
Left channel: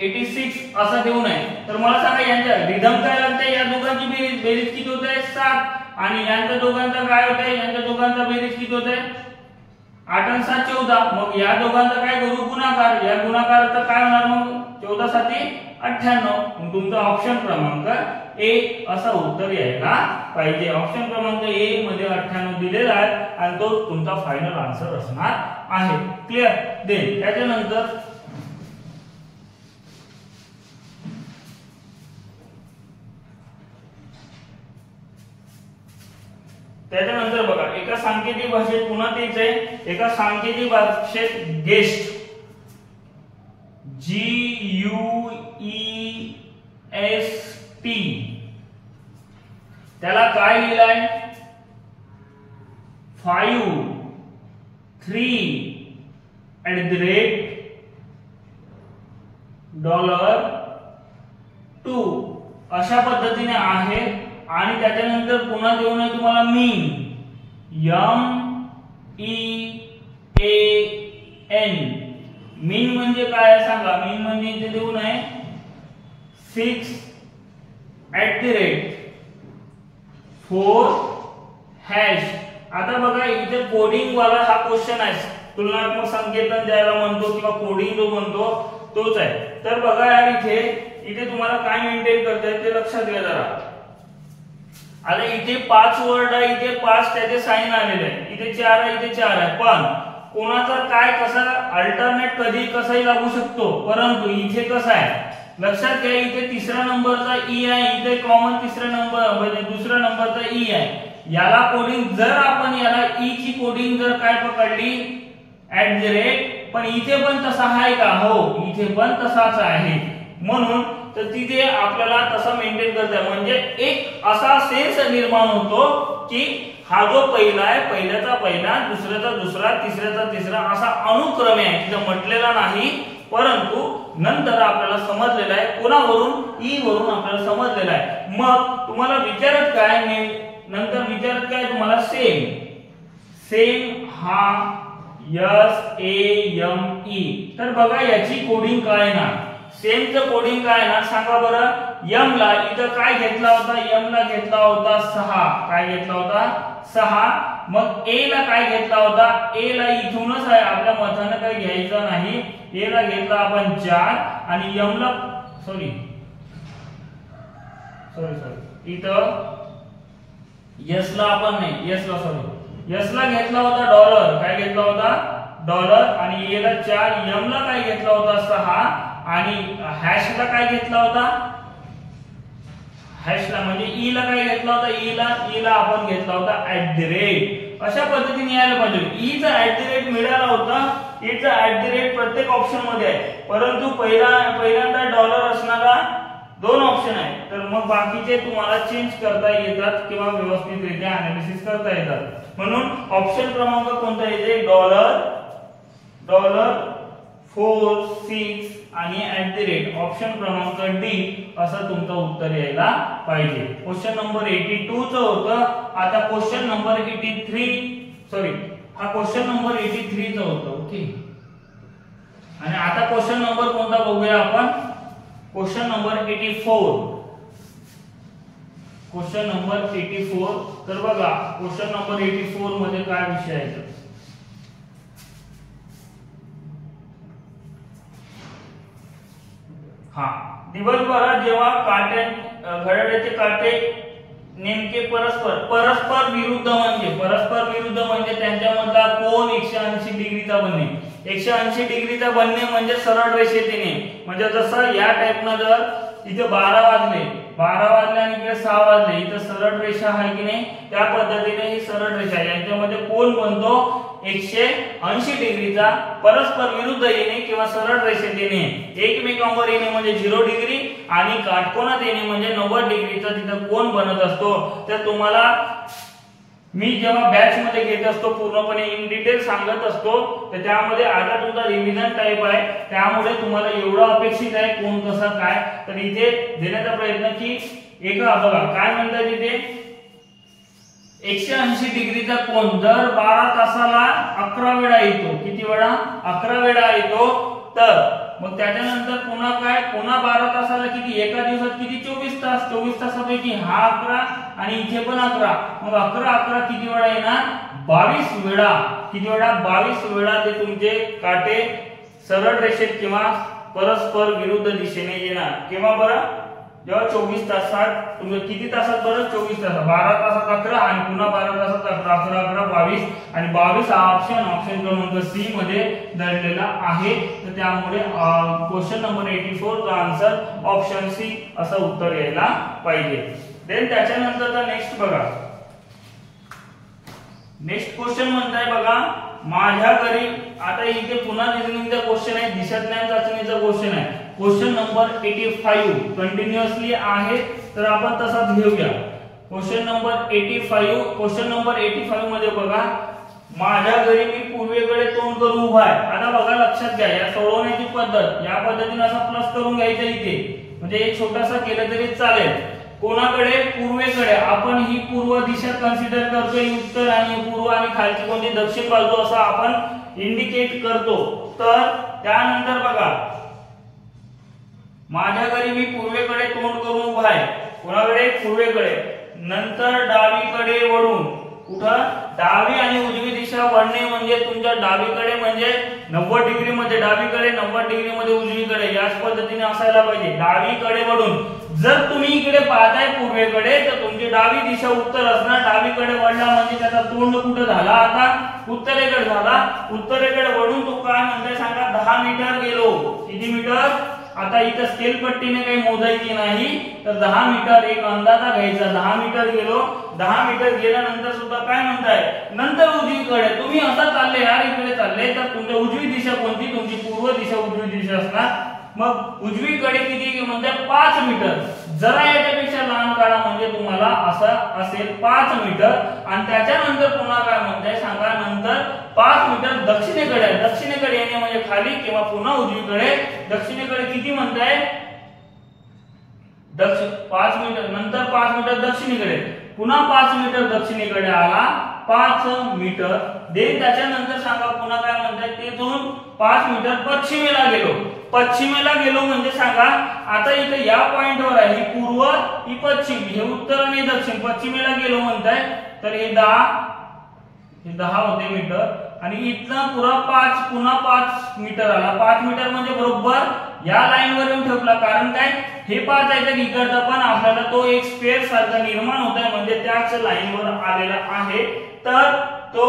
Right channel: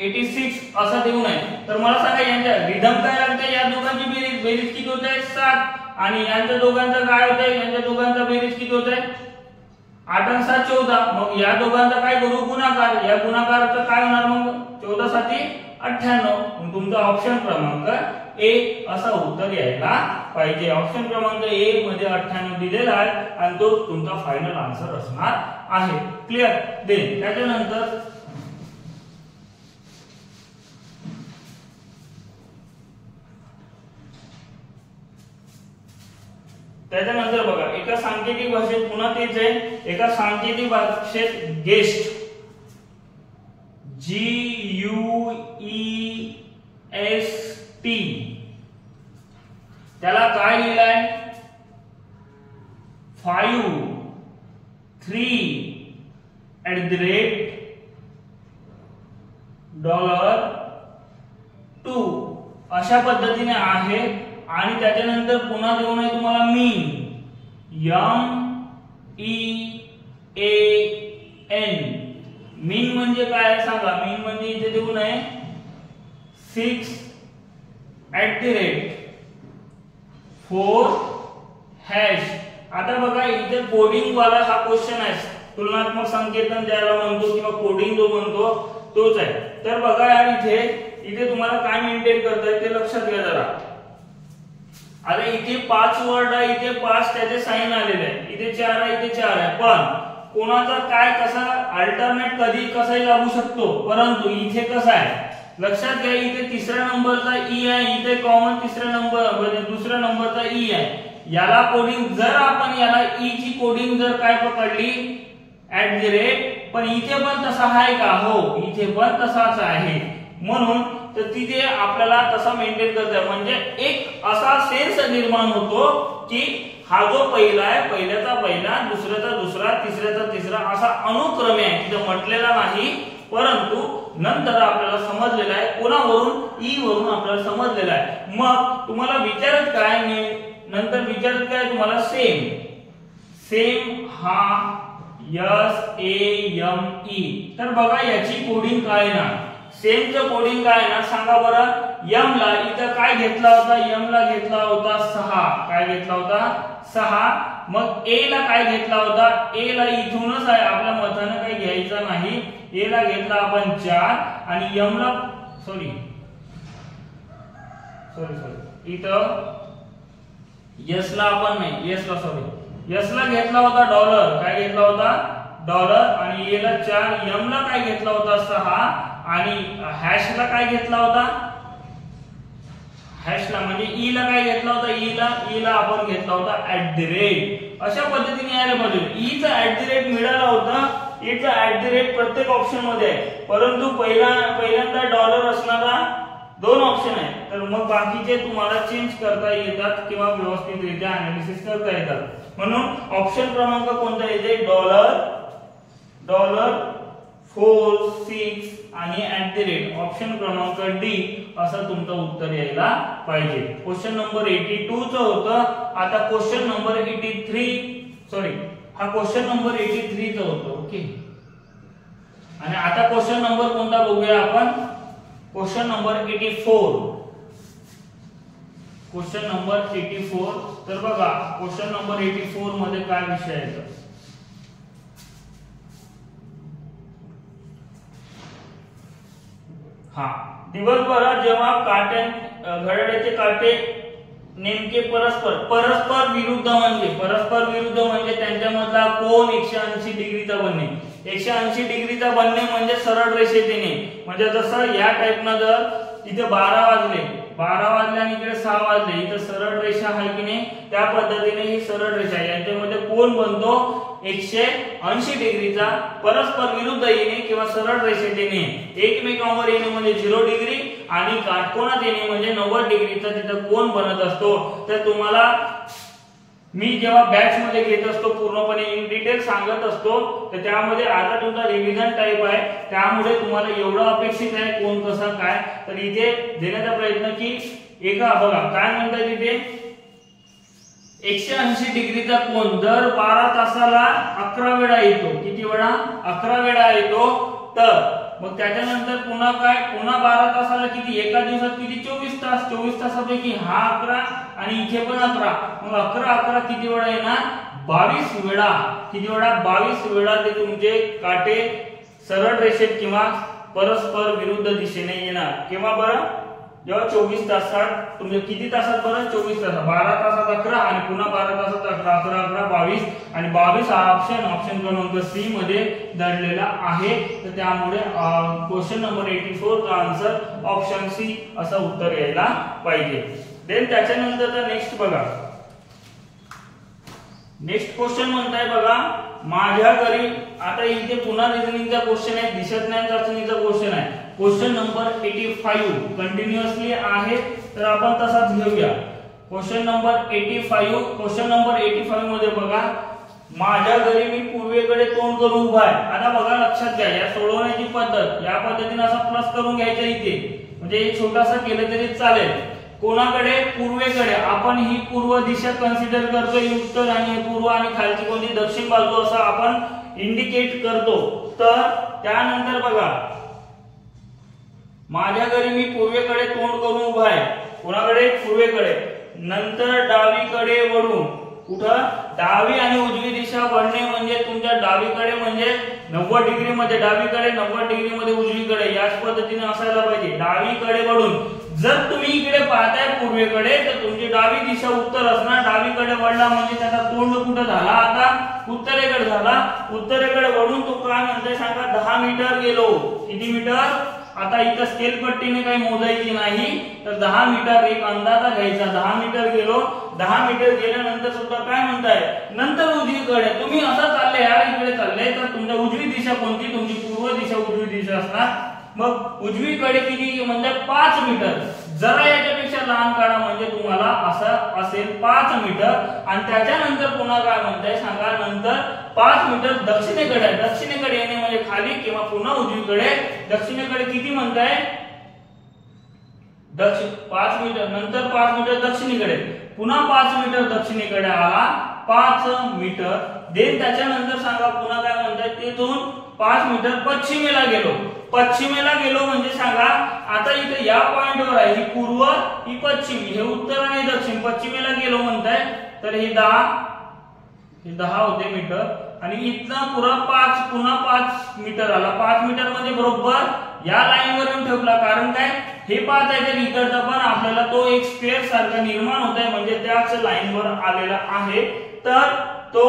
86 असा देऊ नये. तर मला सांगा यांच्या रिदम काय लागते, या दोघांची बेरीज, बेरीज किती होत आहे 7, आणि यांच्या दोघांचा काय होत आहे, यांच्या दोघांचा बेरीज किती होत आहे 8 आणि 7 14. मग या दोघांचा काय करू, गुणाकार. या गुणाकाराचं काय होणार मग 14 7 98. मग तुमचा ऑप्शन क्रमांक ए असा उत्तर यायला पाहिजे. ऑप्शन क्रमांक ए मध्ये 98 दिलेला आहे आणि तो तुमचा फायनल आन्सर असणार आहे. क्लिअर. देन त्याच्यानंतर बघा, एका सांकेतिक भाषेत पुन्हा तेच आहे, एका सांकेतिक भाषेत गेस्ट GUEST त्याला काय लिहिलाय 5 3 $2 अशा पद्धतीने आहे. आणि त्याच्यानंतर पुन्हा देऊ नये तुम्हाला मीन MEAN. मीन म्हणजे काय सांगा, मीन म्हणजे इथे देऊ नये 6 @4#. आता बघा इथे कोडिंग वाला हा क्वेश्चन आहे, तुलनात्मक संकेतन ज्याला म्हणतो किंवा कोडिंग जो म्हणतो तोच आहे. तर बघा यार इथे तुम्हाला काय मेंटेन करता येईल ते लक्षात घ्या जरा. आता इथे 5 वर्ड आहे, इथे 5 त्याचे साइन आलेले आहे, इथे 4 आहे, इथे 4 आहे, पण कोणाचा काय कसा अल्टरनेट कधी कसाही लागू शकतो. परंतु इथे कसं आहे लक्षात घ्या, इथे तिसऱ्या नंबरचा ई आहे, इथे कॉमन तिसऱ्या नंबर म्हणजे दुसऱ्या नंबरचा ई आहे. याला कोडिंग जर आपण याला ई ची कोडिंग जर काय पकडली @ पण इथे पण तसा आहे का, हो इथे पण तसाच आहे. म्हणून तर तिथे आपल्याला तसा मेंटेन करता आहे. म्हणजे एक असा सेन्स निर्माण होतो की हा जो पहिला आहे, पहिल्याचा पहिला, दुसऱ्याचा दुसरा, तिसऱ्याचा तिसरा असा अनुक्रमे आहे. तिथे म्हटलेला नाही, परंतु नंतर आपल्याला समजलेला आहे, कोणावरून ई वरून आपल्याला समजलेला आहे. मग तुम्हाला विचारत काय, नंतर विचारत काय तुम्हाला सेम हा SAME. तर बघा याची कोडिंग काय ना, सेमचं कोडिंग काय ना सांगा बरं. एम ला इथं काय घेतला होता, एम ला घेतला होता 6, काय घेतला होता 6. मग ए ला काय घेतला होता, ए ला इथूनच आहे, आपल्या मताने काही घ्यायचं नाही. ए ला घेतला आपण 4 आणि एम ला सॉरी इथं एस ला आपण नाही, एस ला घेतला होता $, काय घेतला होता $, आणि ए ला 4, एम ला काय घेतला होता 6, आणि हॅश ला काय घेतला होता, हॅश ला म्हणजे ई ला काय घेतला होता, ई ला आपण घेतला होता @. अशा पद्धतीने यायला पाहिजे. ई चा @ मिळाला होता, ए चा @ प्रत्येक ऑप्शन मध्ये आहे, परंतु पहिल्यांदा $, असणारा 2 ऑप्शन आहे. तर मग बाकीचे तुम्हाला चेंज करता येतात किंवा व्यवस्थितरित्या अनालिसिस करता येतात. म्हणून ऑप्शन क्रमांक कोणता येते, $4 6 आणि @ ऑप्शन क्रमांक डी असं तुमचं उत्तर यायला पाहिजे. क्वेश्चन नंबर 82 चं होतं. आता क्वेश्चन नंबर 83 हा क्वेश्चन नंबर 83 चं होतं. ओके. आणि आता क्वेश्चन नंबर कोणता बघूया आपण, क्वेश्चन नंबर 84. Question number 84. तर बघा क्वेश्चन नंबर 84 मध्ये काय विषय आहे, हा दिवसभरात जेव्हा घड्याळाचे काटे नेमके परस्पर विरुद्ध म्हणजे त्यांच्यामधला कोन 180 डिग्रीचा बनणे. 180 डिग्रीचा बनणे म्हणजे सरळ रेषेने, म्हणजे जसं या टाइपनं जर इथे 12 वाजले आणि इकडे 6 वाजले, इथे सरळ रेषा आहे की नाही, त्या पद्धतीने ही सरळ रेषा यांच्यामध्ये कोन बनतो 180 डिग्रीचा. परस्पर विरुद्ध येणे किंवा सरळ रेषेत येणे, एकमेकांवर येणे म्हणजे 0 डिग्री आणि काटकोनात येणे म्हणजे 90 डिग्रीचा तिथे कोन बनत असतो. तर तुम्हाला मी जेव्हा बॅच मध्ये घेत असतो पूर्णपणे इन डिटेल सांगत असतो, तर त्यामध्ये आता तुमचा रिव्हिजन टाइप आहे, त्यामुळे तुम्हाला एवढं अपेक्षित आहे कोण कसा काय, तर इथे देण्याचा प्रयत्न की एका बघा काय म्हणतात इथे 180 डिग्रीचा कोन दर 12 तासाला 11 वेळा येतो. किती वेळा? 11 वेळा येतो. तर मग त्याच्यानंतर पुन्हा काय, पुन्हा 12 तासाला किती, एका दिवसात किती, 24 तास. 24 तासापैकी हा 11 आणि इथे पण 11. मग 11 किती वेळा येणार, 22 वेळा. किती वेळा, 22 वेळा ते तुमचे काटे सरळ रेषेत किंवा परस्पर विरुद्ध दिशेने येणार. केव्हा बरं, जेव्हा 24 तासात तुम्ही किती तासात बरं, 24 तासात. 12 तासात 11 आणि पुन्हा 12 तासात 11. 11 11 22 आणि 22 हा ऑप्शन क्रमांक सी मध्ये दडलेला आहे. तर त्यामुळे क्वेश्चन नंबर 84 चा आन्सर ऑप्शन सी असं उत्तर यायला पाहिजे. देन त्याच्यानंतरचा नेक्स्ट बघा. नेक्स्ट क्वेश्चन म्हणताय बघा, माझ्या घरी. आता इथे पुन्हा रिझनिंगचा क्वेश्चन आहे, दिशाज्ञान चाचणीचा क्वेश्चन आहे. क्वेश्चन नंबर 85 कंटिन्युअसली आहे, तर आपण तसाच घेऊया. Question number 85. क्वेश्चन नंबर 85 मध्ये बघा, माझ्या घरी मी पूर्वेकडे तोंड करून उभा आहे. आता बघा लक्षात घ्या, या सोडवण्याची पद्धत या पद्धतीने असा प्लस करून घ्यायचा इथे, म्हणजे एक छोटासा केलं तरी चालेल. कोणाकडे, पूर्वेकडे. आपण ही पूर्व दिशा कन्सिडर करतोय, उत्तर आणि पूर्व, आणि खालची कोणती दक्षिण बाजू असं आपण इंडिकेट करतो. तर त्यानंतर बघा, माझ्या घरी मी पूर्वेकडे तोंड करून उभा आहे. कोणाकडे, पूर्वेकडे. नंतर डावीकडे वळून, कुठं, डावी आणि उजवी दिशा वळणे म्हणजे तुमच्या डावीकडे म्हणजे 90 डिग्री मध्ये, डावीकडे 90 डिग्री मध्ये, उजवीकडे. याच पद्धतीने असायला पाहिजे, डावीकडे वळून. जर तुम्ही इकडे पाहताय पूर्वेकडे, तर तुमची डावी दिशा उत्तर असणार. डावीकडे वळला म्हणजे त्याचा तोंड कुठं झाला, आता उत्तरेकडे झाला. उत्तरेकडे वळून तो काय म्हणतोय सांगा, 10 मीटर गेलो. किती मीटर, आता इथं स्केल पट्टीने काही मोजायची नाही, तर 10 मीटर एक अंदाजा घ्यायचा. 10 मीटर गेलो. 10 मीटर गेल्यानंतर सुद्धा काय म्हणताय, नंतर उजवीकडे. तुम्ही असं चालले यार, इकडे चालले, तर तुमच्या उजवी दिशा कोणती, तुमची पूर्व दिशा उजवी दिशा असणार. मग उजवीकडे किती, म्हणजे 5 मीटर. जरा याच्यापेक्षा लहान काढा म्हणजे तुम्हाला असं असेल 5 मीटर. आणि त्याच्यानंतर पुन्हा काय म्हणताय सांगा, नंतर 5 मीटर दक्षिणेकडे आहे. दक्षिणेकडे येणे म्हणजे खाली किंवा पुन्हा उजवीकडे. दक्षिणेकडे किती म्हणताय, 5 मीटर. नंतर 5 मीटर दक्षिणेकडे, पुन्हा 5 मीटर दक्षिणेकडे आला, 5 मीटर. देन त्याच्यानंतर सांगा पुन्हा काय म्हणताय, तिथून 5 मीटर पश्चिमेला गेलो. पश्चिमेला गेलो म्हणजे सांगा, आता इथे या पॉइंटवर आहे, ही पूर्व, ही पश्चिम, हे उत्तर आणि दक्षिण. पश्चिमेला गेलो म्हणताय, तर हे 10 होते मीटर. आणि इथनं पुन्हा 5 मीटर आला. 5 मीटर म्हणजे बरोबर या लाईनवर येऊन ठेवला. कारण काय, हे 5 आहे तर इकडचा पण आपल्याला तो एक स्क्वेअर सारखा निर्माण होत आहे, म्हणजे त्याच लाईनवर आलेला आहे. तर तो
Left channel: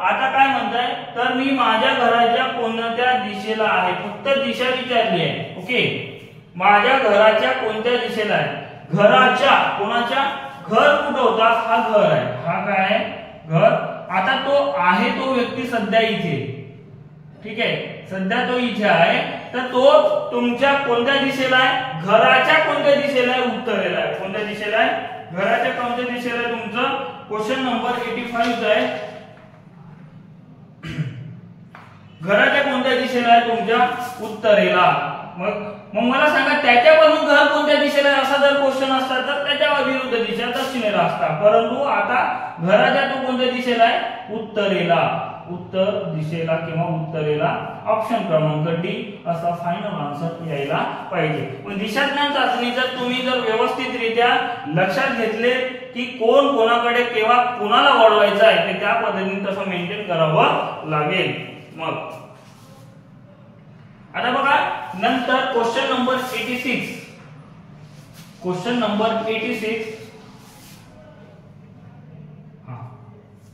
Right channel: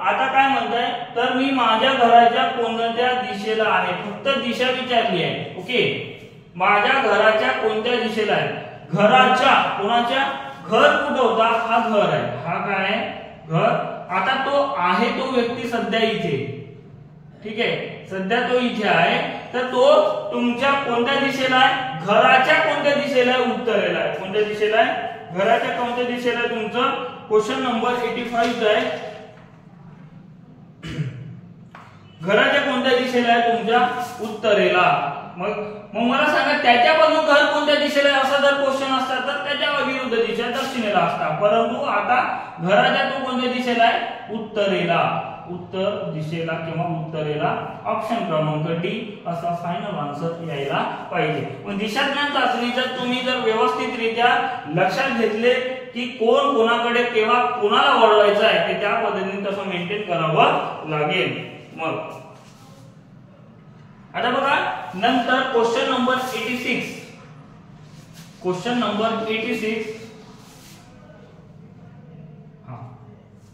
आता काय म्हणताय, तर मी माझ्या घराच्या कोणत्या दिशेला आहे, फक्त दिशा विचारली आहे. ओके, माझ्या घराच्या कोणत्या दिशेला आहे. घराच्या, कोणाच्या, घर कुठं होता, हा घर आहे. हा काय आहे, घर. आता तो आहे तो व्यक्ती सध्या इथे, ठीक आहे, सध्या तो इथे आहे. तर तो तुमच्या कोणत्या दिशेला आहे, घराच्या कोणत्या दिशेला आहे, उत्तरेला आहे. कोणत्या दिशेला आहे, घराच्या कोणत्या दिशेला आहे. तुमचं क्वेश्चन नंबर 85 आहे, घराच्या कोणत्या दिशेला आहे, तुमच्या उत्तरेला. मग मला सांगा, त्याच्यापासून घर कोणत्या दिशेला आहे असा जर क्वेश्चन असता तर त्याच्या विरुद्ध दिशा दक्षिणेला असता. परंतु आता घराच्या तो कोणत्या दिशेला आहे, उत्तरेला. उत्तर दिशेला किंवा उत्तरेला. ऑप्शन क्रमांक डी असा फायनल आन्सर यायला पाहिजे. मग दिशाज्ञान चाचणी जर तुम्ही जर व्यवस्थितरित्या लक्षात घेतले की कोण कोणाकडे केव्हा कोणाला वळवायचं आहे, ते त्या पद्धतीने तसं मेंटेन करावं लागेल. मग आता बघा, नंतर question number 86. Question number 86.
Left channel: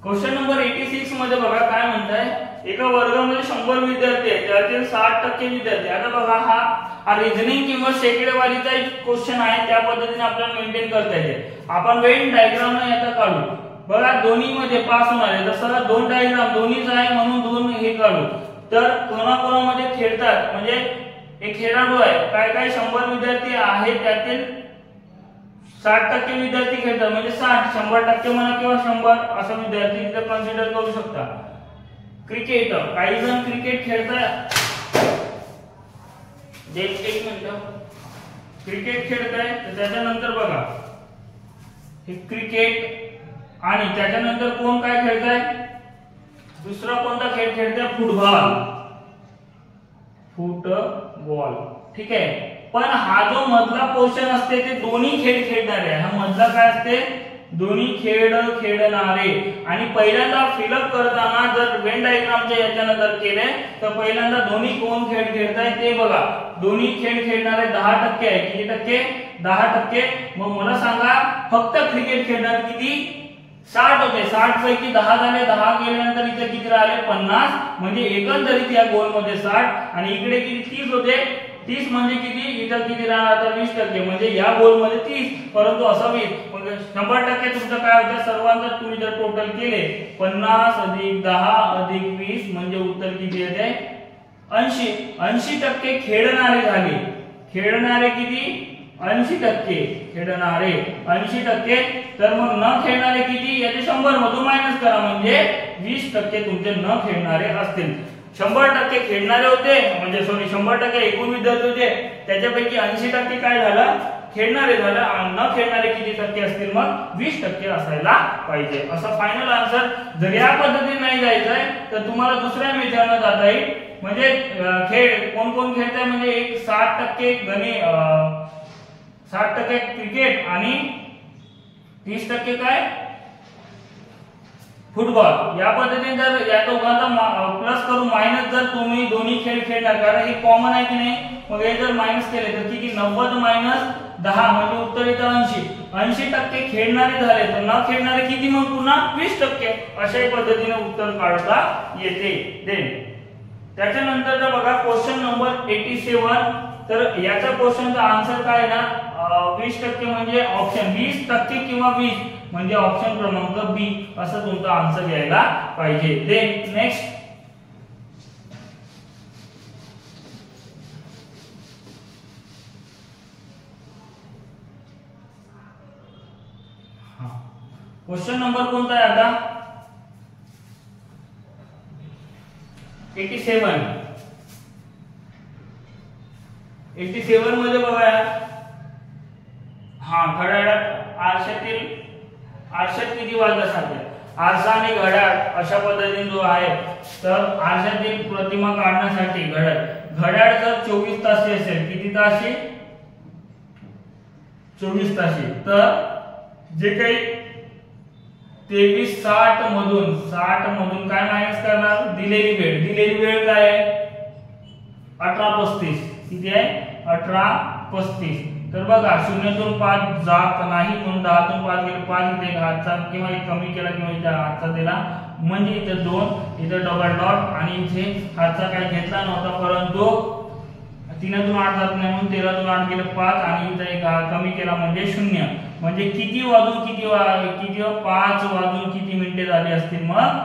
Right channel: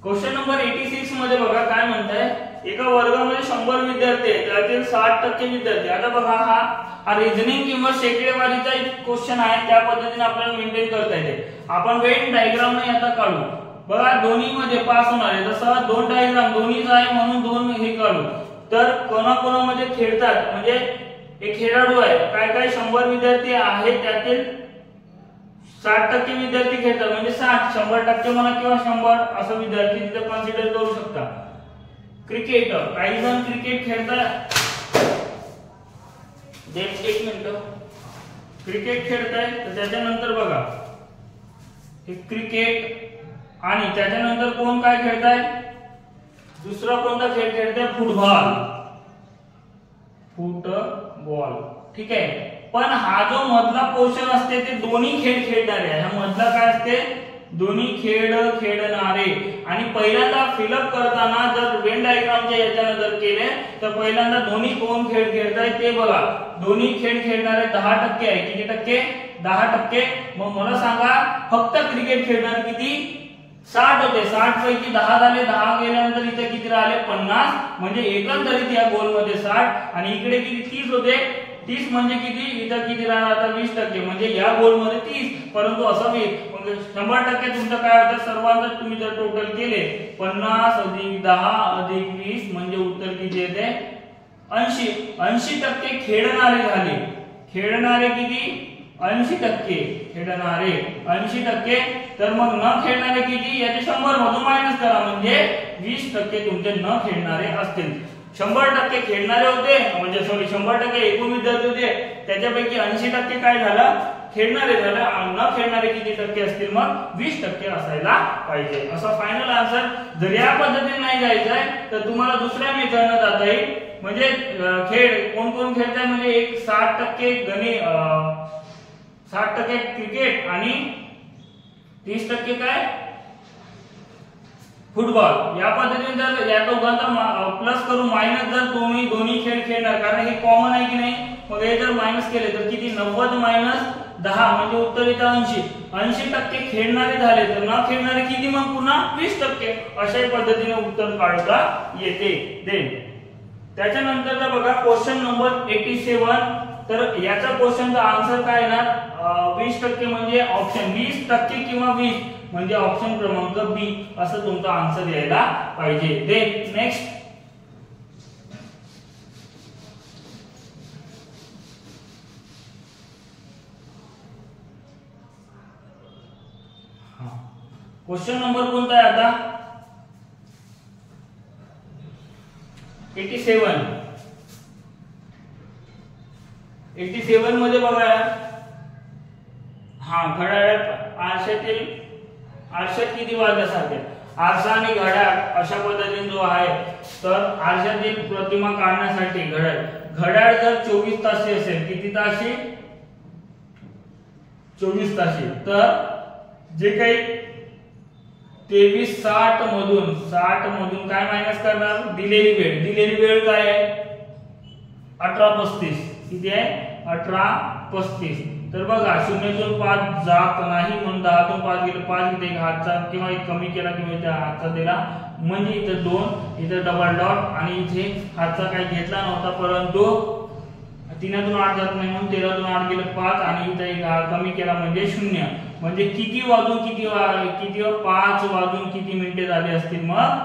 Question number 86 मध्ये बघा काय म्हणताय, एका वर्गामध्ये 100 विद्यार्थी आहेत, त्यातील 60% विद्यार्थी. आता बघा, हा रिझनिंग किंवा शेकडेवारीचा एक क्वेश्चन आहे, त्या पद्धतीने आपल्याला मेंटेन करता येते. आपण वेन डायग्राम याचा काढू. बघा, दोन्ही मध्ये पास होणार आहे, जसं 2 डायग्राम दोन्हीच आहे म्हणून 2 हे काढू. तर कोणाकोणामध्ये खेळतात, म्हणजे एक खेळाडू आहे, काय काय 100 विद्यार्थी आहेत, त्यातील 60% विद्यार्थी खेळतात, म्हणजे 60, 100% म्हणा किंवा 100 असं विद्यार्थी तिथे कन्सिडर करू शकता. क्रिकेट, काही जण क्रिकेट खेळतात, एक मिनिट, क्रिकेट खेळताय. तर त्याच्यानंतर बघा, हे क्रिकेट आणि त्याच्यानंतर कोण काय खेळताय, दुसरा कोणता खेळ खेळताय, फुटबॉल. बॉल, ठीक आहे। पण हा जो मधला पोर्शन असते ते दोन्ही खेळ खेळणारे, हा मधला काय असते, दोन्ही खेळ खेळणारे। आणि पहिल्यांदा फिलअप करताना जर वेन डायग्रामच्या याच्यानंतर केले तर पहिल्यांदा दोन्ही कोण खेळ खेळताय ते बघा, दोन्ही खेळ खेळणारे 10% आहे, किती टक्के, 10%। मग मला सांगा फक्त क्रिकेट खेळणारे किती, 60 होते, 60 पैकी 10 झाले, 10 गेल्यानंतर इथे किती राहिले, 50, म्हणजे एकंदरीत या गोल मध्ये 60 आणि इकडे किती 30 होते, 30 म्हणजे किती, इथं किती राहणार आता 20%, म्हणजे या गोल मध्ये 30, परंतु असं होईल मग 100% तुमचं काय होतं, सर्वांचं तुम्ही जर टोटल केले 50 अधिक 10 अधिक 20 म्हणजे उत्तर किती येते 80, 80% खेळणारे झाले, खेळणारे किती 80% खेळणारे 80%, तर मग न खेळणारे किती, याचे 100 मधून मायनस करा म्हणजे 20% तुमचे न खेळणारे असतील। 100% खेळणारे होते म्हणजे सॉरी 100% एकूण विद्यार्थी होते, त्याच्यापैकी 80% काय झालं, खेळणारे झालं, आणि न खेळणारे किती टक्के असतील, मग 20% असायला पाहिजे। असं फायनल आन्सर। जर या पद्धतीने नाही जायचंय तर तुम्हाला दुसऱ्या मेथडने जाता येईल, म्हणजे खेळ कोण कोण खेळताय, म्हणजे एक 60% गणित, 60% क्रिकेट आणि 30% काय फुटबॉल। या पद्धतीने जर या दोघांचा प्लस करून मायनस जर तुम्ही दोन्ही खेळ खेळणार, कारण हे कॉमन आहे की नाही, मग हे जर मायनस केले तर किती 90 मायनस 10 म्हणजे उत्तर येतं 80, 80% खेळणारे झाले तर न खेळणारे किती, मग पुन्हा 20%, अशाही पद्धतीने उत्तर काढता येते। देन त्याच्यानंतर बघा क्वेश्चन नंबर 87, तर याचा क्वेश्चनचा आन्सर काय ना 20% म्हणजे ऑप्शन 20% किंवा 20 म्हणजे ऑप्शन क्रमांक बी असं तुमचा आन्सर यायला पाहिजे। देन नेक्स्ट क्वेश्चन नंबर कोणता आहे आता 87 मध्ये बघा यार, घड्याळात आरशात किती वाजल्या सारखे, आरसा आणि घड्याळ अशा पद्धतीने जो आहे, तर आरशातील प्रतिमा काढण्यासाठी घड्याळ जर 24 तासी असेल, किती तासी 24 तासी, तर जे काही 23:60 मधून काय मायनस करणार, दिलेली वेळ काय आहे 18:35, किती आहे 18:35, तर बघा 0 तून 5 जात नाही म्हणून 10 तून 5 गेले, 5 इथे एक हातचा किंवा एक कमी केला किंवा इथे हातचा दिला म्हणजे इथे 2, इथे डबल डॉट आणि इथे हातचा काय घेतला नव्हता, परंतु 3 तून 8 जात नाही म्हणून 13 तून 8 गेले 5 आणि इथे एक कमी केला म्हणजे 0, म्हणजे किती वाजून किती 5 वाजून किती मिनिटे झाली असतील, मग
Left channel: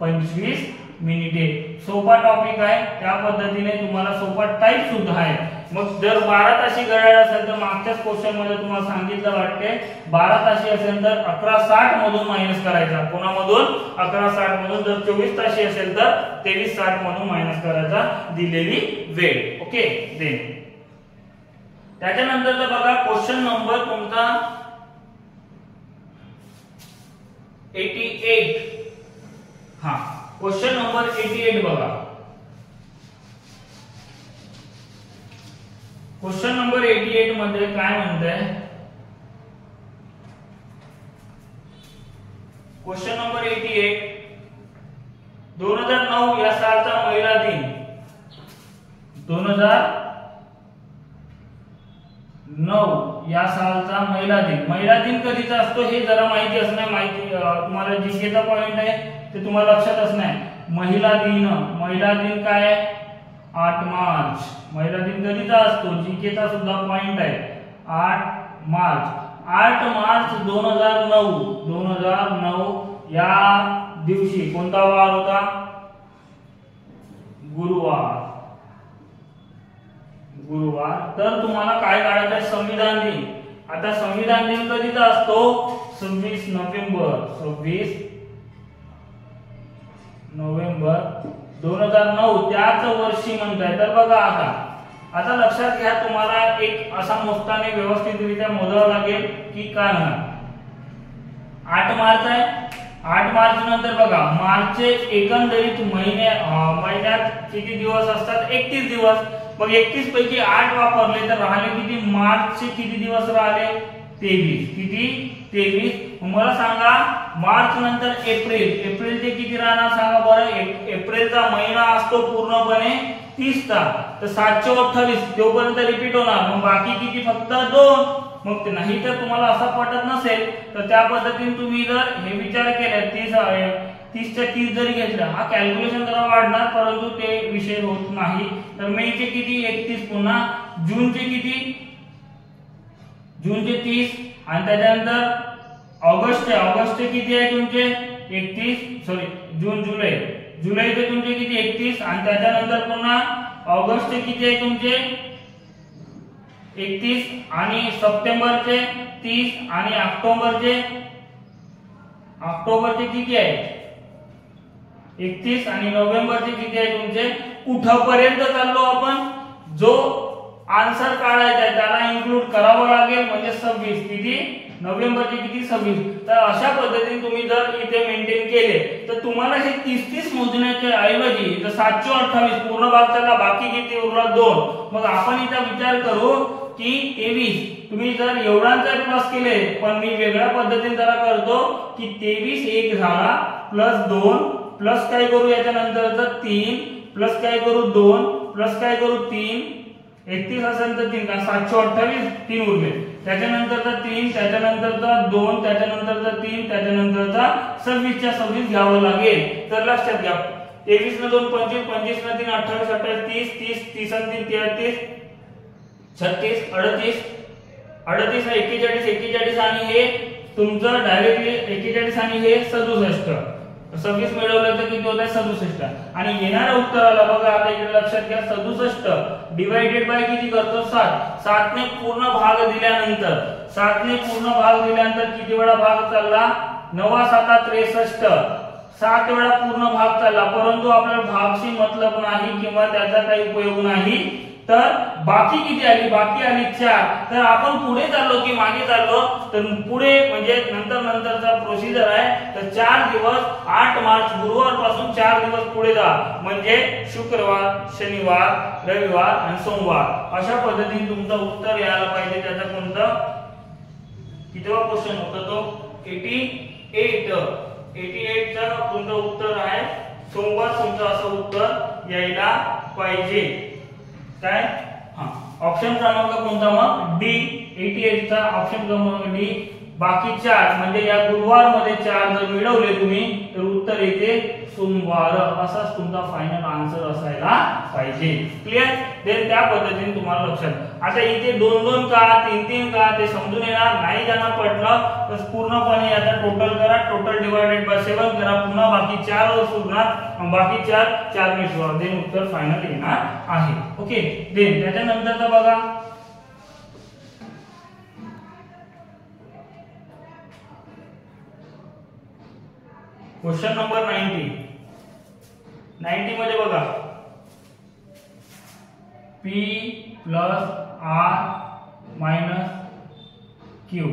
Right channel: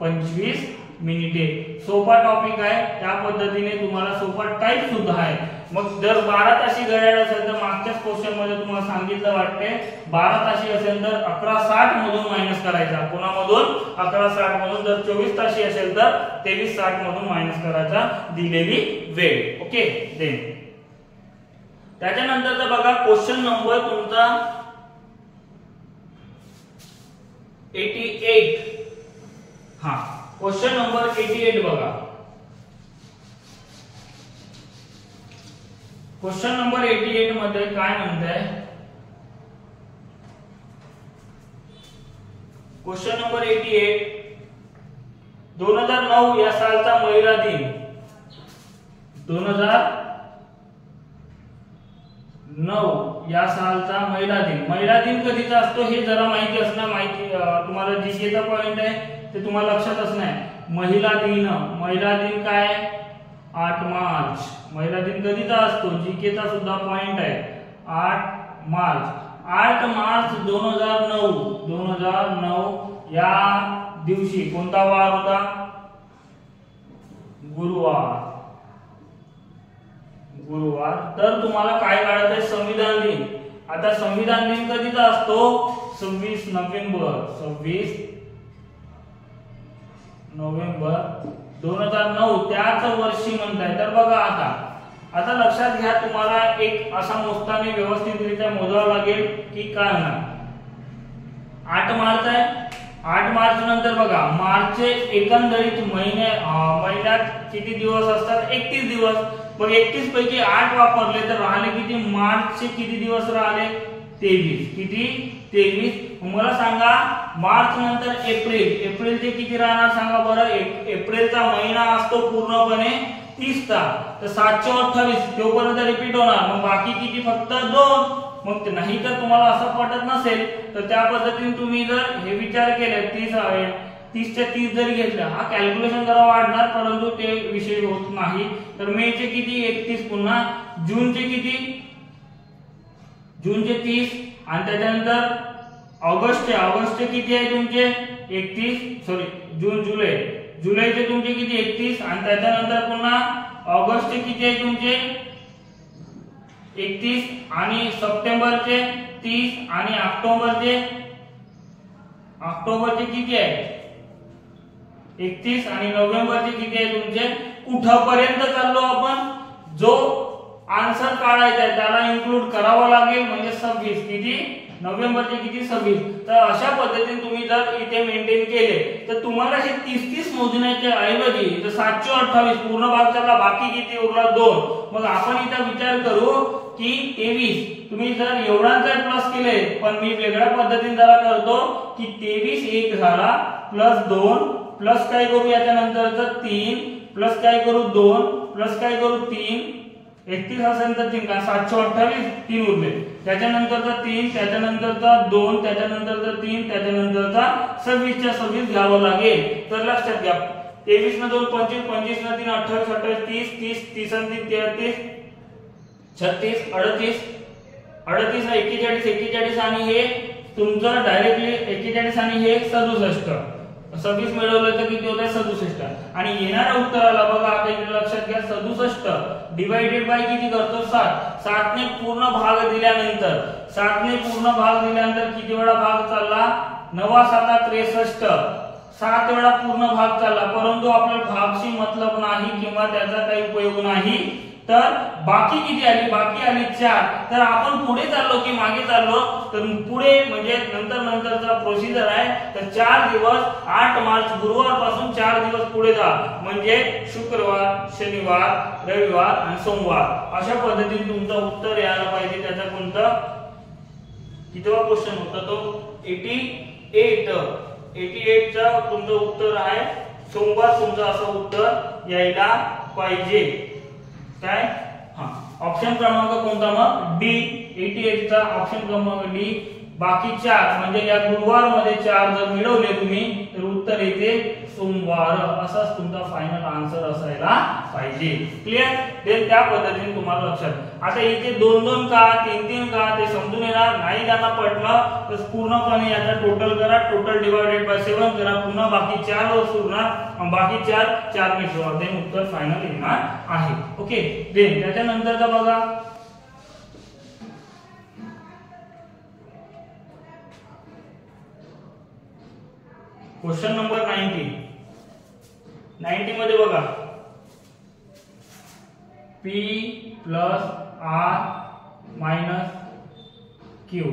25 मिनिटे। सोपा टॉपिक आहे, त्या पद्धतीने तुम्हाला सोपा टाइप सुद्धा आहे। मग जर 12 तासी घड्याळ असेल तर मागच्याच क्वेश्चन मध्ये तुम्हाला सांगितलं वाटते 12 तासी असेल तर 11:60 मधून मायनस करायचा, कोणामधून 11:60 मधून, जर 24 तासी असेल तर 23:60 मधून मायनस करायचा दिलेली वेळ। ओके, देन त्याच्यानंतरचा बघा क्वेश्चन नंबर तुमचा 88, क्वेश्चन नंबर 88 बघा। क्वेश्चन नंबर 88 मध्ये काय म्हणताय, क्वेश्चन नंबर 88, 2009 या सालचा महिला दिन, 2009 या सालचा महिला दिन कधीचा असतो हे जरा माहिती असणं, तुम्हाला जीकेचा पॉइंट आहे ते तुम्हाला लक्षात असणं। महिला दिन काय 8 मार्च, महिला दिन कधीचा असतो, जीकेचा सुद्धा पॉइंट आहे 8 मार्च 2009 या दिवशी कोणता वार होता, गुरुवार। तर तुम्हाला काय काढायचं आहे, संविधान दिन। आता संविधान दिन कधीचा असतो, 26 नोव्हेंबर 2009 त्याच वर्षी म्हणताय। तर बघा आता लक्षात घ्या, तुम्हाला एक असा मोजताना व्यवस्थितरित्या मोजावं लागेल की काय होणार, 8 मार्च आहे, 8 मार्च नंतर बघा मार्चचे एकंदरीत महिन्यात किती दिवस असतात? 31 दिवस. मग 31 पैकी 8 वापरले तर राहिले किती? मार्चचे किती दिवस राहिले? 23. किती? 23. मला सांगा मार्च नंतर एप्रिलचे किती राहणार सांगा बरं? एप्रिलचा महिना असतो पूर्णपणे 30 चा, तर 728 तोपर्यंत रिपीट होणार. मग बाकी किती? फक्त 2. मग नाही तर तुम्हाला असं पटत नसेल तर त्या पद्धतीने तुम्ही जर हे विचार केले 30 च्या 30 जरी घेतलं, हा कॅल्क्युलेशन जरा वाढणार परंतु ते विषय होत नाही. तर मेचे किती? 31. पुन्हा जूनचे किती? जूनचे 30. आणि त्याच्यानंतर ऑगस्टचे किती आहे तुमचे? 31. जुलैचे तुमचे किती? 31. आणि त्याच्यानंतर पुन्हा ऑगस्टचे किती आहे तुमचे? 31. आणि सप्टेंबरचे 30. आणि ऑक्टोबरचे किती आहे? 31. आणि नोव्हेंबरचे किती आहे तुमचे? कुठपर्यंत चाललो आपण? जो आन्सर काढायचा आहे त्याला इन्क्लूड करावं लागेल, म्हणजे 26. किती? नोव्हेंबरचे किती? 26. तर अशा पद्धतीने तुम्ही जर इथे मेंटेन केले तर तुम्हाला हे 30 मोजण्याच्या ऐवजी जर 728 पूर्ण भाग चालला, बाकी किती उरला? 2. मग आपण इथे विचार करू की 23 तुम्ही जर एवढांचा प्लस केले, पण मी वेगळ्या पद्धतीने जरा करतो की 23 एक झाला प्लस 2 प्लस काय करू याच्यानंतर 3 प्लस काय करू 2 प्लस काय करू 3. 31 असेल तर 3 का 728 3 उरले. त्याच्यानंतरचा 3, त्याच्यानंतरचा 2, त्याच्यानंतरचा 3, त्याच्यानंतरचा 26 च्या 26 घ्यावं लागेल. तर लक्षात घ्या 23 न 2 25, 25 न 3 28, 28 30, 30 आणि 3 33, 36, 38, 38 41, 41 आणि हे तुमचं डायरेक्टली 41 आणि हे 67. 26 मिळवलं तर किती होत आहे? 67. आणि येणाऱ्या उत्तराला बघा आता इथे लक्षात घ्या 67 डिवाइडेड बाय किती करतो? 7. 7 ने पूर्ण भाग दिल्यानंतर किती वेळा भाग चालला? 9 7 63. 7 वेळा पूर्ण भाग चालला, परंतु आपल्याला भागशी मतलब नाही किंवा त्याचा काही उपयोग नाही. तर बाकी किती आली? बाकी आली 4. तर आपण पुढे चाललो की मागे चाललो? तर पुढे म्हणजे नंतरचा प्रोसिजर आहे. तर 4 दिवस 8 मार्च गुरुवार पासून 4 दिवस पुढे जा, म्हणजे शुक्रवार, शनिवार, रविवार आणि सोमवार. अशा पद्धतीने तुमचं उत्तर यायला पाहिजे. त्याचा कोणता कितवा क्वेश्चन होता तो? 88 चा तुमचं उत्तर आहे सोमवार. तुमचं असं उत्तर यायला पाहिजे. काय? ऑप्शन क्रमांक कोणता? मग डी. 88 चा ऑप्शन क्रमांक डी. बाकी 4 म्हणजे या गुरुवार मध्ये 4 जर मिळवले तुम्ही तर उत्तर येते सोमवार. असाच तुमचा फायनल आन्सर असायला पाहिजे. क्लिअर? देन त्या पद्धतीने तुम्हाला लक्षात. आता इथे 2-2 का 3-3 का ते समजून येणार नाही. ज्यांना पडलं तर पूर्णपणे याचा टोटल करा. टोटल डिवाइडेड बाय 7 करा. पुन्हा बाकी 4 वर सुरणार. बाकी 4 मिळवा. देन उत्तर फायनल येणार आहे. ओके. देन त्याच्यानंतरचा बघा क्वेश्चन नंबर 90 मध्ये बघा P plus R minus Q.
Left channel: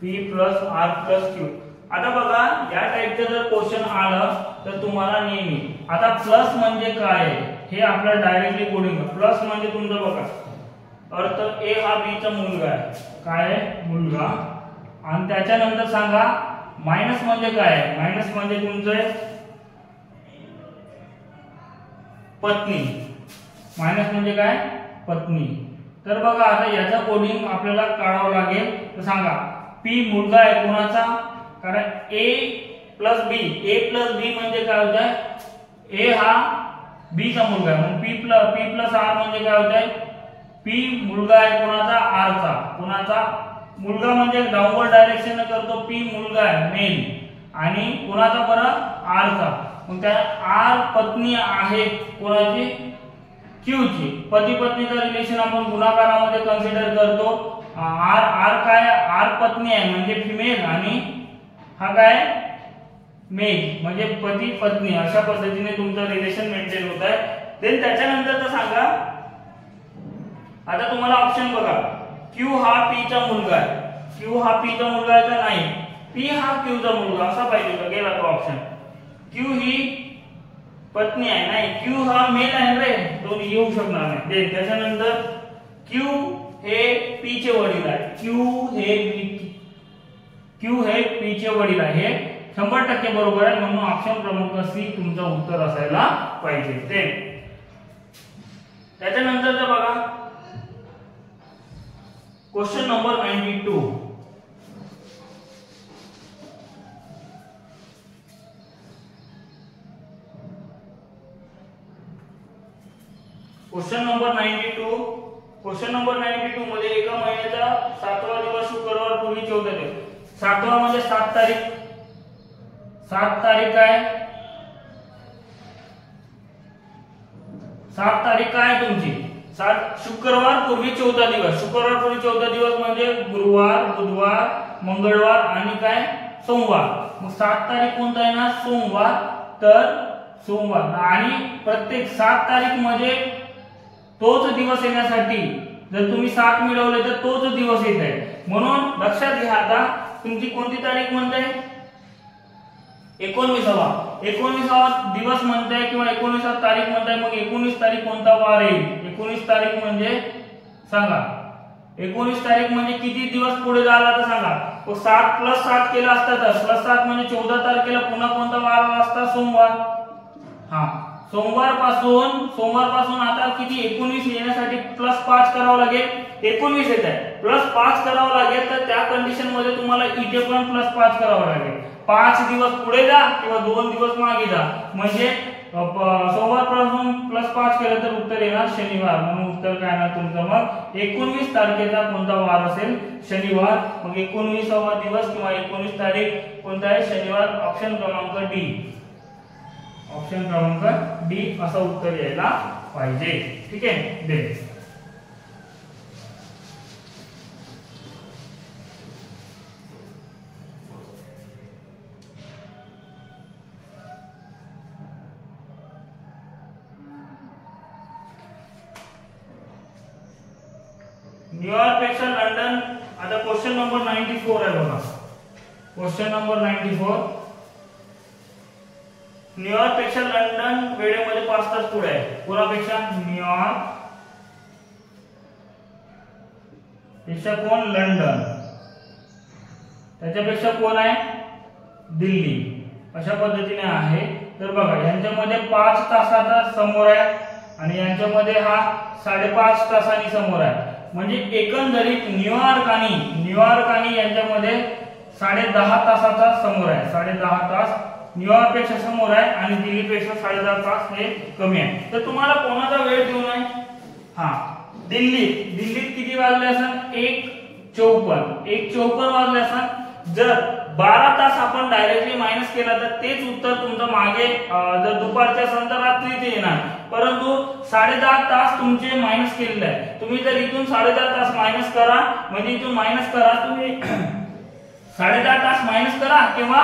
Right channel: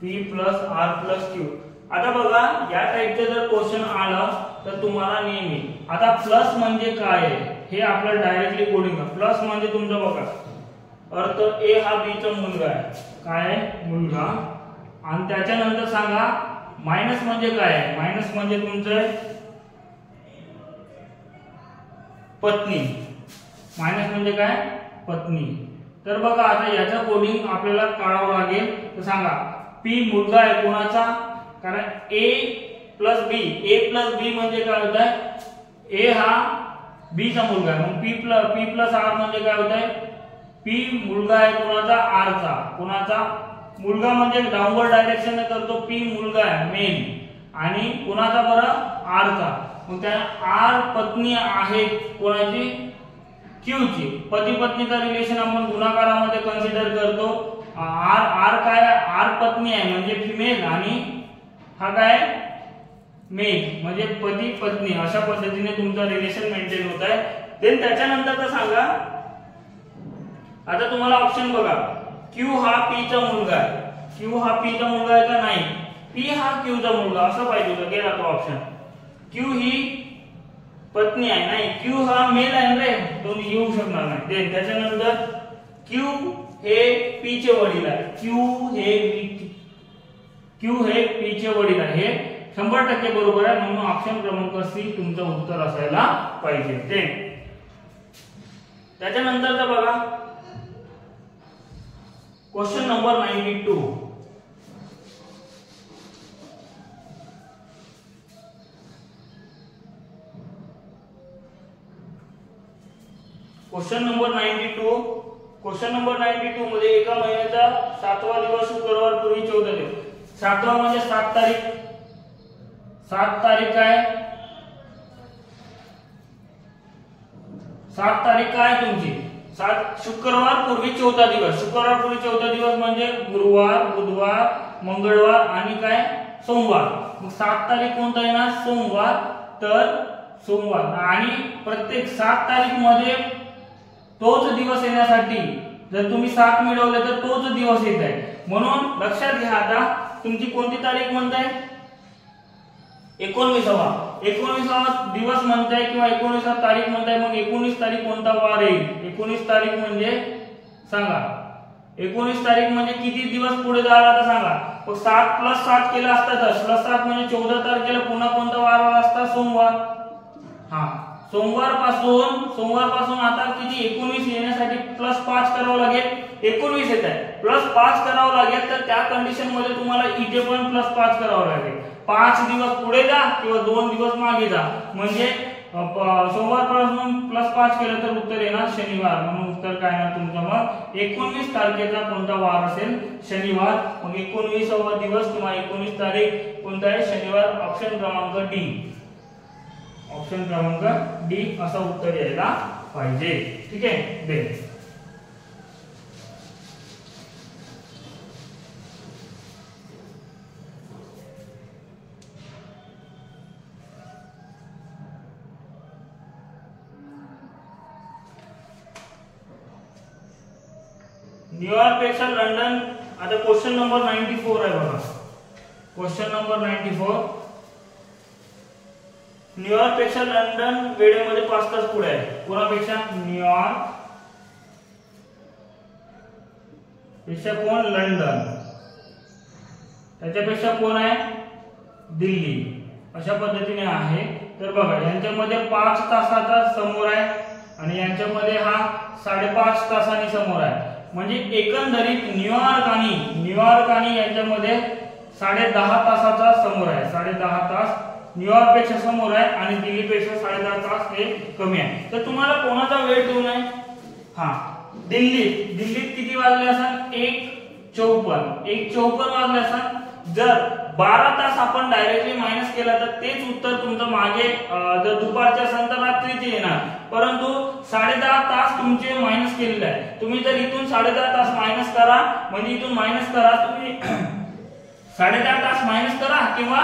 P plus R plus Q. आता बघा या टाइपचं जर क्वेश्चन आलं तर तुम्हाला नेहमी आता प्लस म्हणजे काय आहे हे आपल्याला डायरेक्टली कोडिंग. प्लस म्हणजे तुमचं बघा अर्थ A हा B चा मुलगा आहे. काय आहे? मुलगा. आणि त्याच्यानंतर सांगा मायनस म्हणजे काय आहे? मायनस म्हणजे तुमचं पत्नी. मायनस म्हणजे काय? पत्नी. तर बघा आता याचा कोडिंग आपल्याला काढावं लागेल. तर सांगा P मुलगा आहे कोणाचा? कारण A प्लस B म्हणजे काय होत आहे? A हा B चा मुलगा आहे. मग P प्लस R म्हणजे काय होत आहे? P मुलगा आहे कोणाचा? R चा. कोणाचा? मुलगा म्हणजे डाउनवर्ड डायरेक्शन ने करतो. P मुलगा आहे मेल. आणि कोणाचा बरं? R चा. मग त्या R पत्नी आहे कोणाची? Q ची. पती पत्नीचा रिलेशन आपण गुणाकारामध्ये कन्सिडर करतो. R काय? R पत्नी आहे म्हणजे फिमेल आणि हा काय? मेल म्हणजे पती पत्नी. अशा पद्धतीने तुमचं रिलेशन मेंटेन होत आहे. देन त्याच्यानंतर सांगा आता तुम्हाला ऑप्शन बघा Q हा P चा मुलगा आहे. Q हा P चा मुलगा आहे का नाही? पी हा क्यूचा मुलगा असा पाहिजे का, गेला तो ऑप्शन. क्यू ही पत्नी आहे, नाही क्यू हा मेल आहे रे, तो येऊ शकणार नाही. त्याच्यानंतर क्यू हे पी चे वडील आहे, क्यू हे पी चे वडील आहे, 100% बरोबर आहे. म्हणून ऑप्शन क्रमांक सी तुमचं उत्तर असायला पाहिजे. त्याच्यानंतर बघा क्वेश्चन नंबर 92. क्वेश्चन नंबर 92 मध्ये एका महिन्याचा 7वा दिवस शुक्रवार पूर्वी 14 दिवस. 7वा म्हणजे 7 तारीख. 7 तारीख आहे, 7 तारीख काय तुमची, 7 शुक्रवार पूर्वी 14 दिवस. शुक्रवार पूर्वी 14 दिवस म्हणजे गुरुवार, बुधवार, मंगळवार आणि काय सोमवार. मग 7 तारीख कोणता आहे ना, सोमवार. तर सोमवार आणि प्रत्येक 7 तारीख मध्ये तोच दिवस येण्यासाठी जर तुम्ही 7 मिळवले तर तोच दिवस येत आहे. म्हणून लक्षात घ्या, आता तुमची कोणती तारीख म्हणताय, 19वा दिवस म्हणताय किंवा 19वा तारीख म्हणताय. मग 19 तारीख कोणता वार येईल, 19 तारीख म्हणजे सांगा, 19 तारीख म्हणजे किती दिवस पुढे जायला आता सांगा. 7 + 7 केला असता तर +7 म्हणजे 14 तारखेला पुन्हा कोणता वार आला असता, सोमवार. हा, सोमवार पासून आता किती 19 येण्यासाठी +5 करावं लागेल. 19 येत आहे, +5 करावं लागेल. तर त्या कंडिशन मध्ये तुम्हाला इथे पण +5 करावं लागेल. 5 दिवस पुढे जा किंवा 2 दिवस मागे जा. म्हणजे सोमवार पासून +5 केलं तर उत्तर येणार शनिवार. म्हणून उत्तर काय ना तुमचं मग 19 तारखेचा कोणता वार असेल, शनिवार. मग 19वा दिवस किंवा 19 तारीख कोणता आहे, शनिवार. ऑप्शन क्रमांक डी असं उत्तर यायला पाहिजे. ठीक आहे. न्यूयॉर्क पेक्षा लंडन. आता क्वेश्चन नंबर 94 आहे बघा. Question number 94. न्यूयॉर्क पेक्षा लंडन वेळेमध्ये 5 तास पुढे आहे. कोणापेक्षा, न्यूयॉर्क पेक्षा कोण, लंडन. त्याच्यापेक्षा कोण आहे, दिल्ली. अशा पद्धतीने आहे. तर बघा यांच्यामध्ये 5 तासाचा समोर आहे आणि यांच्यामध्ये हा 5.5 तासांनी समोर आहे. म्हणजे एकंदरीत न्यूयॉर्क आणि यांच्यामध्ये 10.5 तासाचा समोर आहे. 10.5 तास न्यूयॉर्क पेक्षा समोर आहे आणि दिल्ली पेक्षा 10.5 तास हे कमी आहे. तर तुम्हाला कोणाचा वेळ देऊ नये, हा दिल्लीत किती वाजले असेल, 1:54 वाजले असेल. जर 12 तास आपण डायरेक्टली मायनस केला तर तेच उत्तर तुमचं मागे जर दुपारच्या असेल तर रात्रीचे येणार. परंतु 10.5 तास तुमचे मायनस केलेले आहे. तुम्ही जर इथून 10.5 तास मायनस करा, म्हणजे इथून मायनस करा तुम्ही 10.5 तास मायनस करा किंवा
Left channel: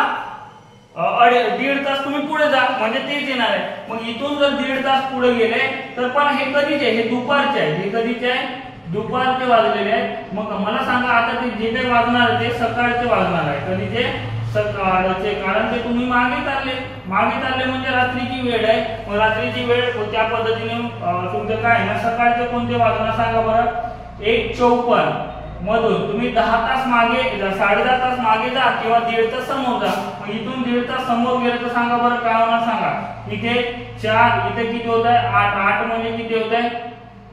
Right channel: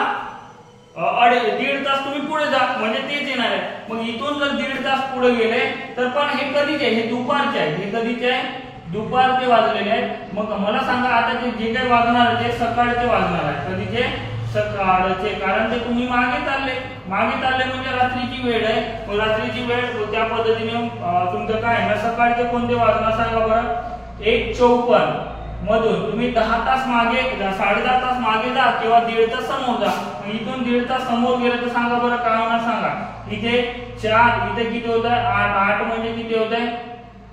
1.5 तास तुम्ही पुढे जा, म्हणजे तेच येणार आहे. मग इथून जर 1.5 तास पुढे गेले तर पण हे कधीचे आहे, हे दुपारचे आहे. हे कधीचे आहे, दुपारचे वाजलेले आहेत. मग मला सांगा आता ते जे काही वाजणार आहे ते सकाळचे वाजणार आहे. कधीचे, सकाळचे. कारण ते तुम्ही मागे चालले म्हणजे रात्रीची वेळ आहे. मग रात्रीची वेळ त्या पद्धतीने तुमचं काय ना, सकाळचे कोणते वाजणार सांगा बरं. 1:54 मधून तुम्ही 10 तास मागे, 10.5 तास मागे जा किंवा 1.5 तास समोर जा. मग इथून 1.5 तास समोर गेले तर सांगा बरं काय होणार सांगा. इथे 4, इथे किती होत आहे, 8 म्हणजे किती होत आहे,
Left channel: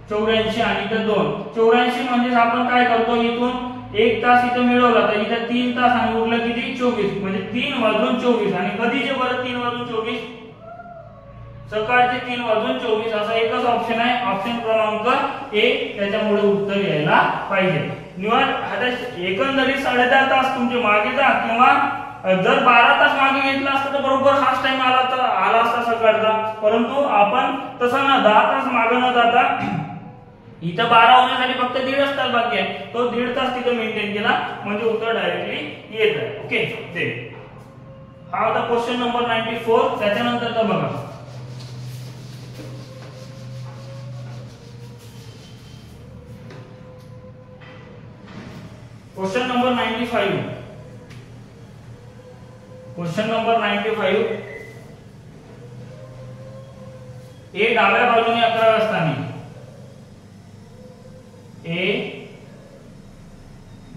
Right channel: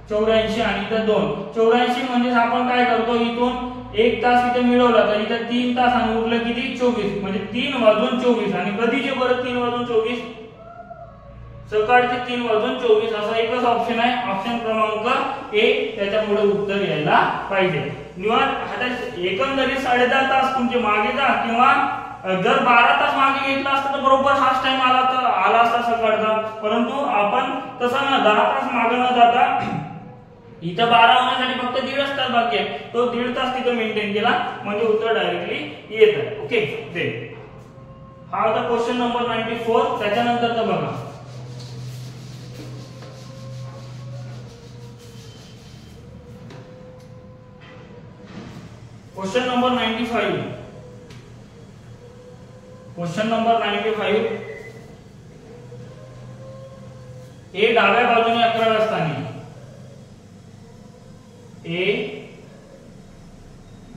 84 आणि इथं 2. 84 म्हणजे आपण काय करतो, इथून 1 तास इथं मिळवला तर इथं 3 तास आणि उरलं किती, 24. म्हणजे 3:24. आणि कधीचे बरं 3:24, सकाळचे 3:24. असा एकच ऑप्शन आहे, ऑप्शन क्रमांक ए. त्याच्यामुळे उत्तर यायला पाहिजे. आता एकंदरीत 10.5 तास तुमचे मागे जा किंवा जर 12 तास मागे घेतला असता तर बरोबर हाच टाइम आला असता सकाळचा. परंतु आपण तसं न 10 तास मागे न जाता इथं 12 होण्यासाठी फक्त 1.5 तास बाकी आहे. तो 1.5 तास तिथे मेंटेन केला म्हणजे उत्तर डायरेक्टली येत आहे. ओके. हा होता क्वेश्चन नंबर 94. त्याच्यानंतरचा बघा क्वेश्चन नंबर 95. क्वेश्चन नंबर 95, ए डाव्या बाजूने 11व्या स्थानी, ए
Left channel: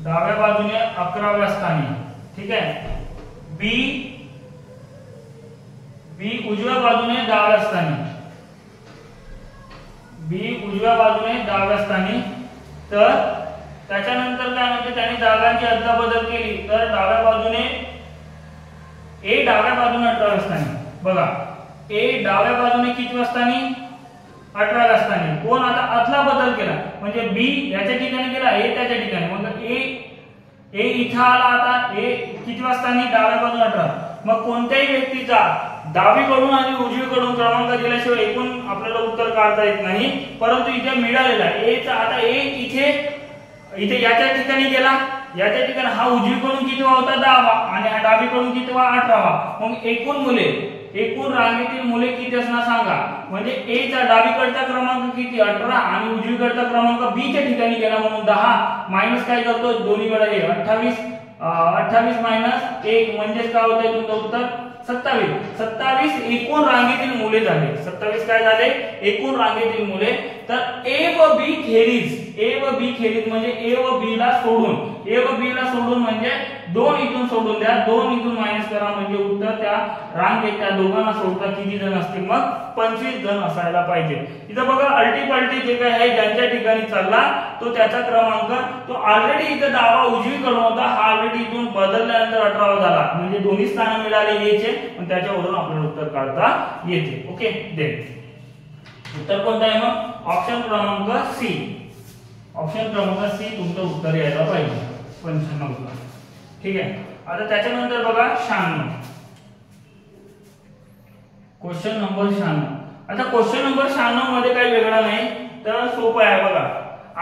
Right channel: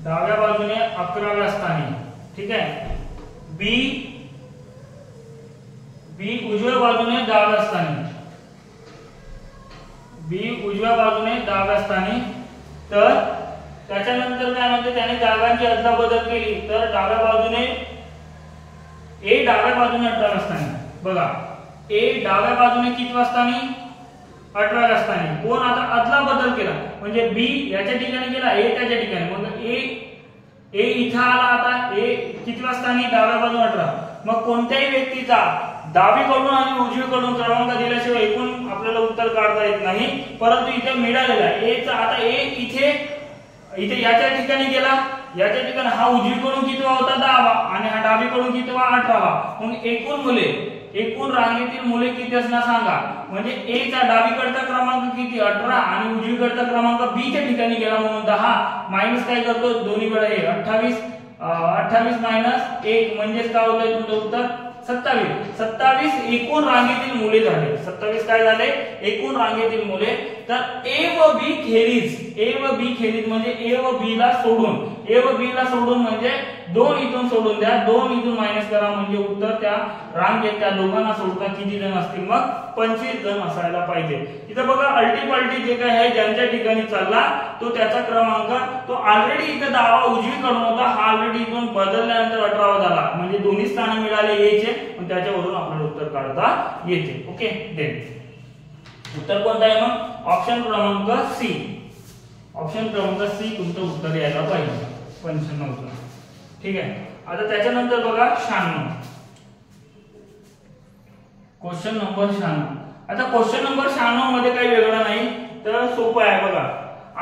डाव्या बाजूने 11व्या स्थानी, ठीक आहे. बी उजव्या बाजूने 10व्या स्थानी, बी उजव्या बाजूने 10व्या स्थानी. तर त्याच्यानंतर काय म्हणजे त्याने जागांची अदलाबदल केली तर डाव्या बाजूने ए डाव्या बाजूने 18व्या स्थानी. बघा ए डाव्या बाजूने कितव्या स्थानी, 18व्या स्थानी. कोण आता अदलाबदल केला म्हणजे बी याच्या ठिकाणी गेला, ए त्याच्या ठिकाणी. मग ए इथं आला, आता ए कितव्या स्थानी, डाव्या बाजूने 18. मग कोणत्याही व्यक्तीचा डावीकडून आणि उजवीकडून क्रमांक दिल्याशिवाय एकूण आपल्याला उत्तर काढता येत नाही. परंतु इथे मिळालेला ए चा, आता ए इथे याच्या ठिकाणी गेला, याच्या ठिकाणी हा उजवीकडून कितवा होता, 10वा, आणि हा डावीकडून कितवा, 18वा. मग एकूण रांगेतील मुले किती असणार सांगा. म्हणजे ए चा डावीकडचा क्रमांक किती, 18, आणि उजवीकडचा क्रमांक बी च्या ठिकाणी गेला म्हणून 10 मायनस काय करतो, दोन्हीकडे हे 28 मायनस 1 म्हणजेच काय होतंय तुमचं उत्तर 27. एकूण रांगेतील मुले झाले. 27 काय झाले, एकूण रांगेतील मुले. तर ए व बी खेरीज म्हणजे ए व बी ला सोडून म्हणजे 2 इथून सोडून द्या, 2 इथून मायनस करा म्हणजे उत्तर त्या रांगेत त्या दोघांना सोडता किती जण असतील, मग 25 जण असायला पाहिजे. इथं बघा अल्टीपल्टी जे काय आहे ज्यांच्या ठिकाणी चालला तो त्याचा क्रमांक, तो ऑलरेडी इथं 10वा उजवीकडून होता, हा ऑलरेडी इथून बदलल्यानंतर 18वा झाला. म्हणजे दोन्ही स्थान मिळाले ए चे, पण त्याच्यावरून आपल्याला उत्तर काढता येते. ओके, देन उत्तर कोणतं आहे मग, ऑप्शन क्रमांक सी. ऑप्शन क्रमांक सी तुमचं उत्तर यायला पाहिजे 95 ला. ठीक आहे. आता त्याच्यानंतर बघा 96, क्वेश्चन नंबर 96. आता क्वेश्चन नंबर 96 मध्ये काही वेगळं नाही, तर सोपं आहे. बघा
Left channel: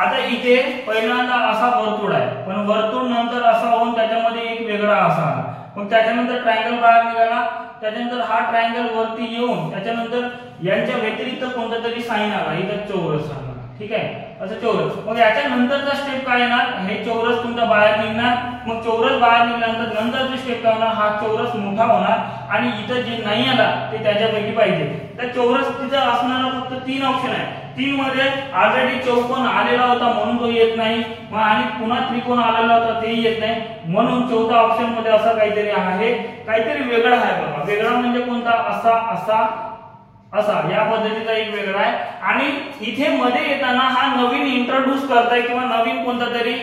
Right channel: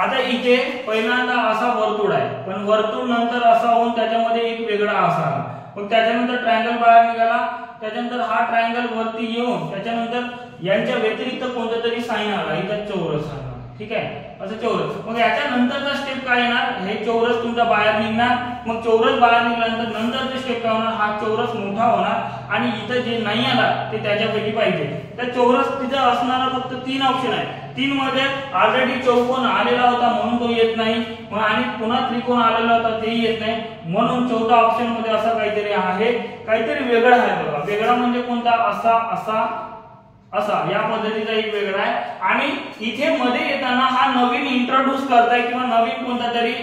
आता इथे पहिल्यांदा असा वर्तुळ आहे, पण वर्तुळ नंतर असा होऊन त्याच्यामध्ये एक वेगळा असा आला. मग त्याच्यानंतर ट्रायंगल बाहेर निघाला, त्याच्यानंतर हा ट्रायंगल वरती येऊन त्याच्यानंतर यांच्या व्यतिरिक्त कोणता तरी साइन आला, इथं चौरस आला. ठीक आहे, असं चौरस. मग याच्या नंतरचा स्टेप काय येणार, हे चौरस तुमचा बाहेर निघणार. मग चौरस बाहेर निघाल्यानंतर नंतरची स्टेप काय होणार, हा चौरस मोठा होणार आणि इथं जे नाही आला ते त्याच्यापैकी पाहिजे. तर चौरस तिथे असणारा फक्त 3 ऑप्शन आहे. 3 मध्ये ऑलरेडी चौकोन आलेला होता म्हणून तो येत नाही, मग आणि पुन्हा त्रिकोण आलेला होता तेही येत नाही, म्हणून चौथा ऑप्शन मध्ये असं काहीतरी आहे, काहीतरी वेगळं आहे. बघा वेगळा म्हणजे कोणता, असा या पद्धतीचा एक वेगळा आहे. आणि इथे मध्ये येताना हा नवीन इंट्रोड्यूस करताय किंवा नवीन कोणता तरी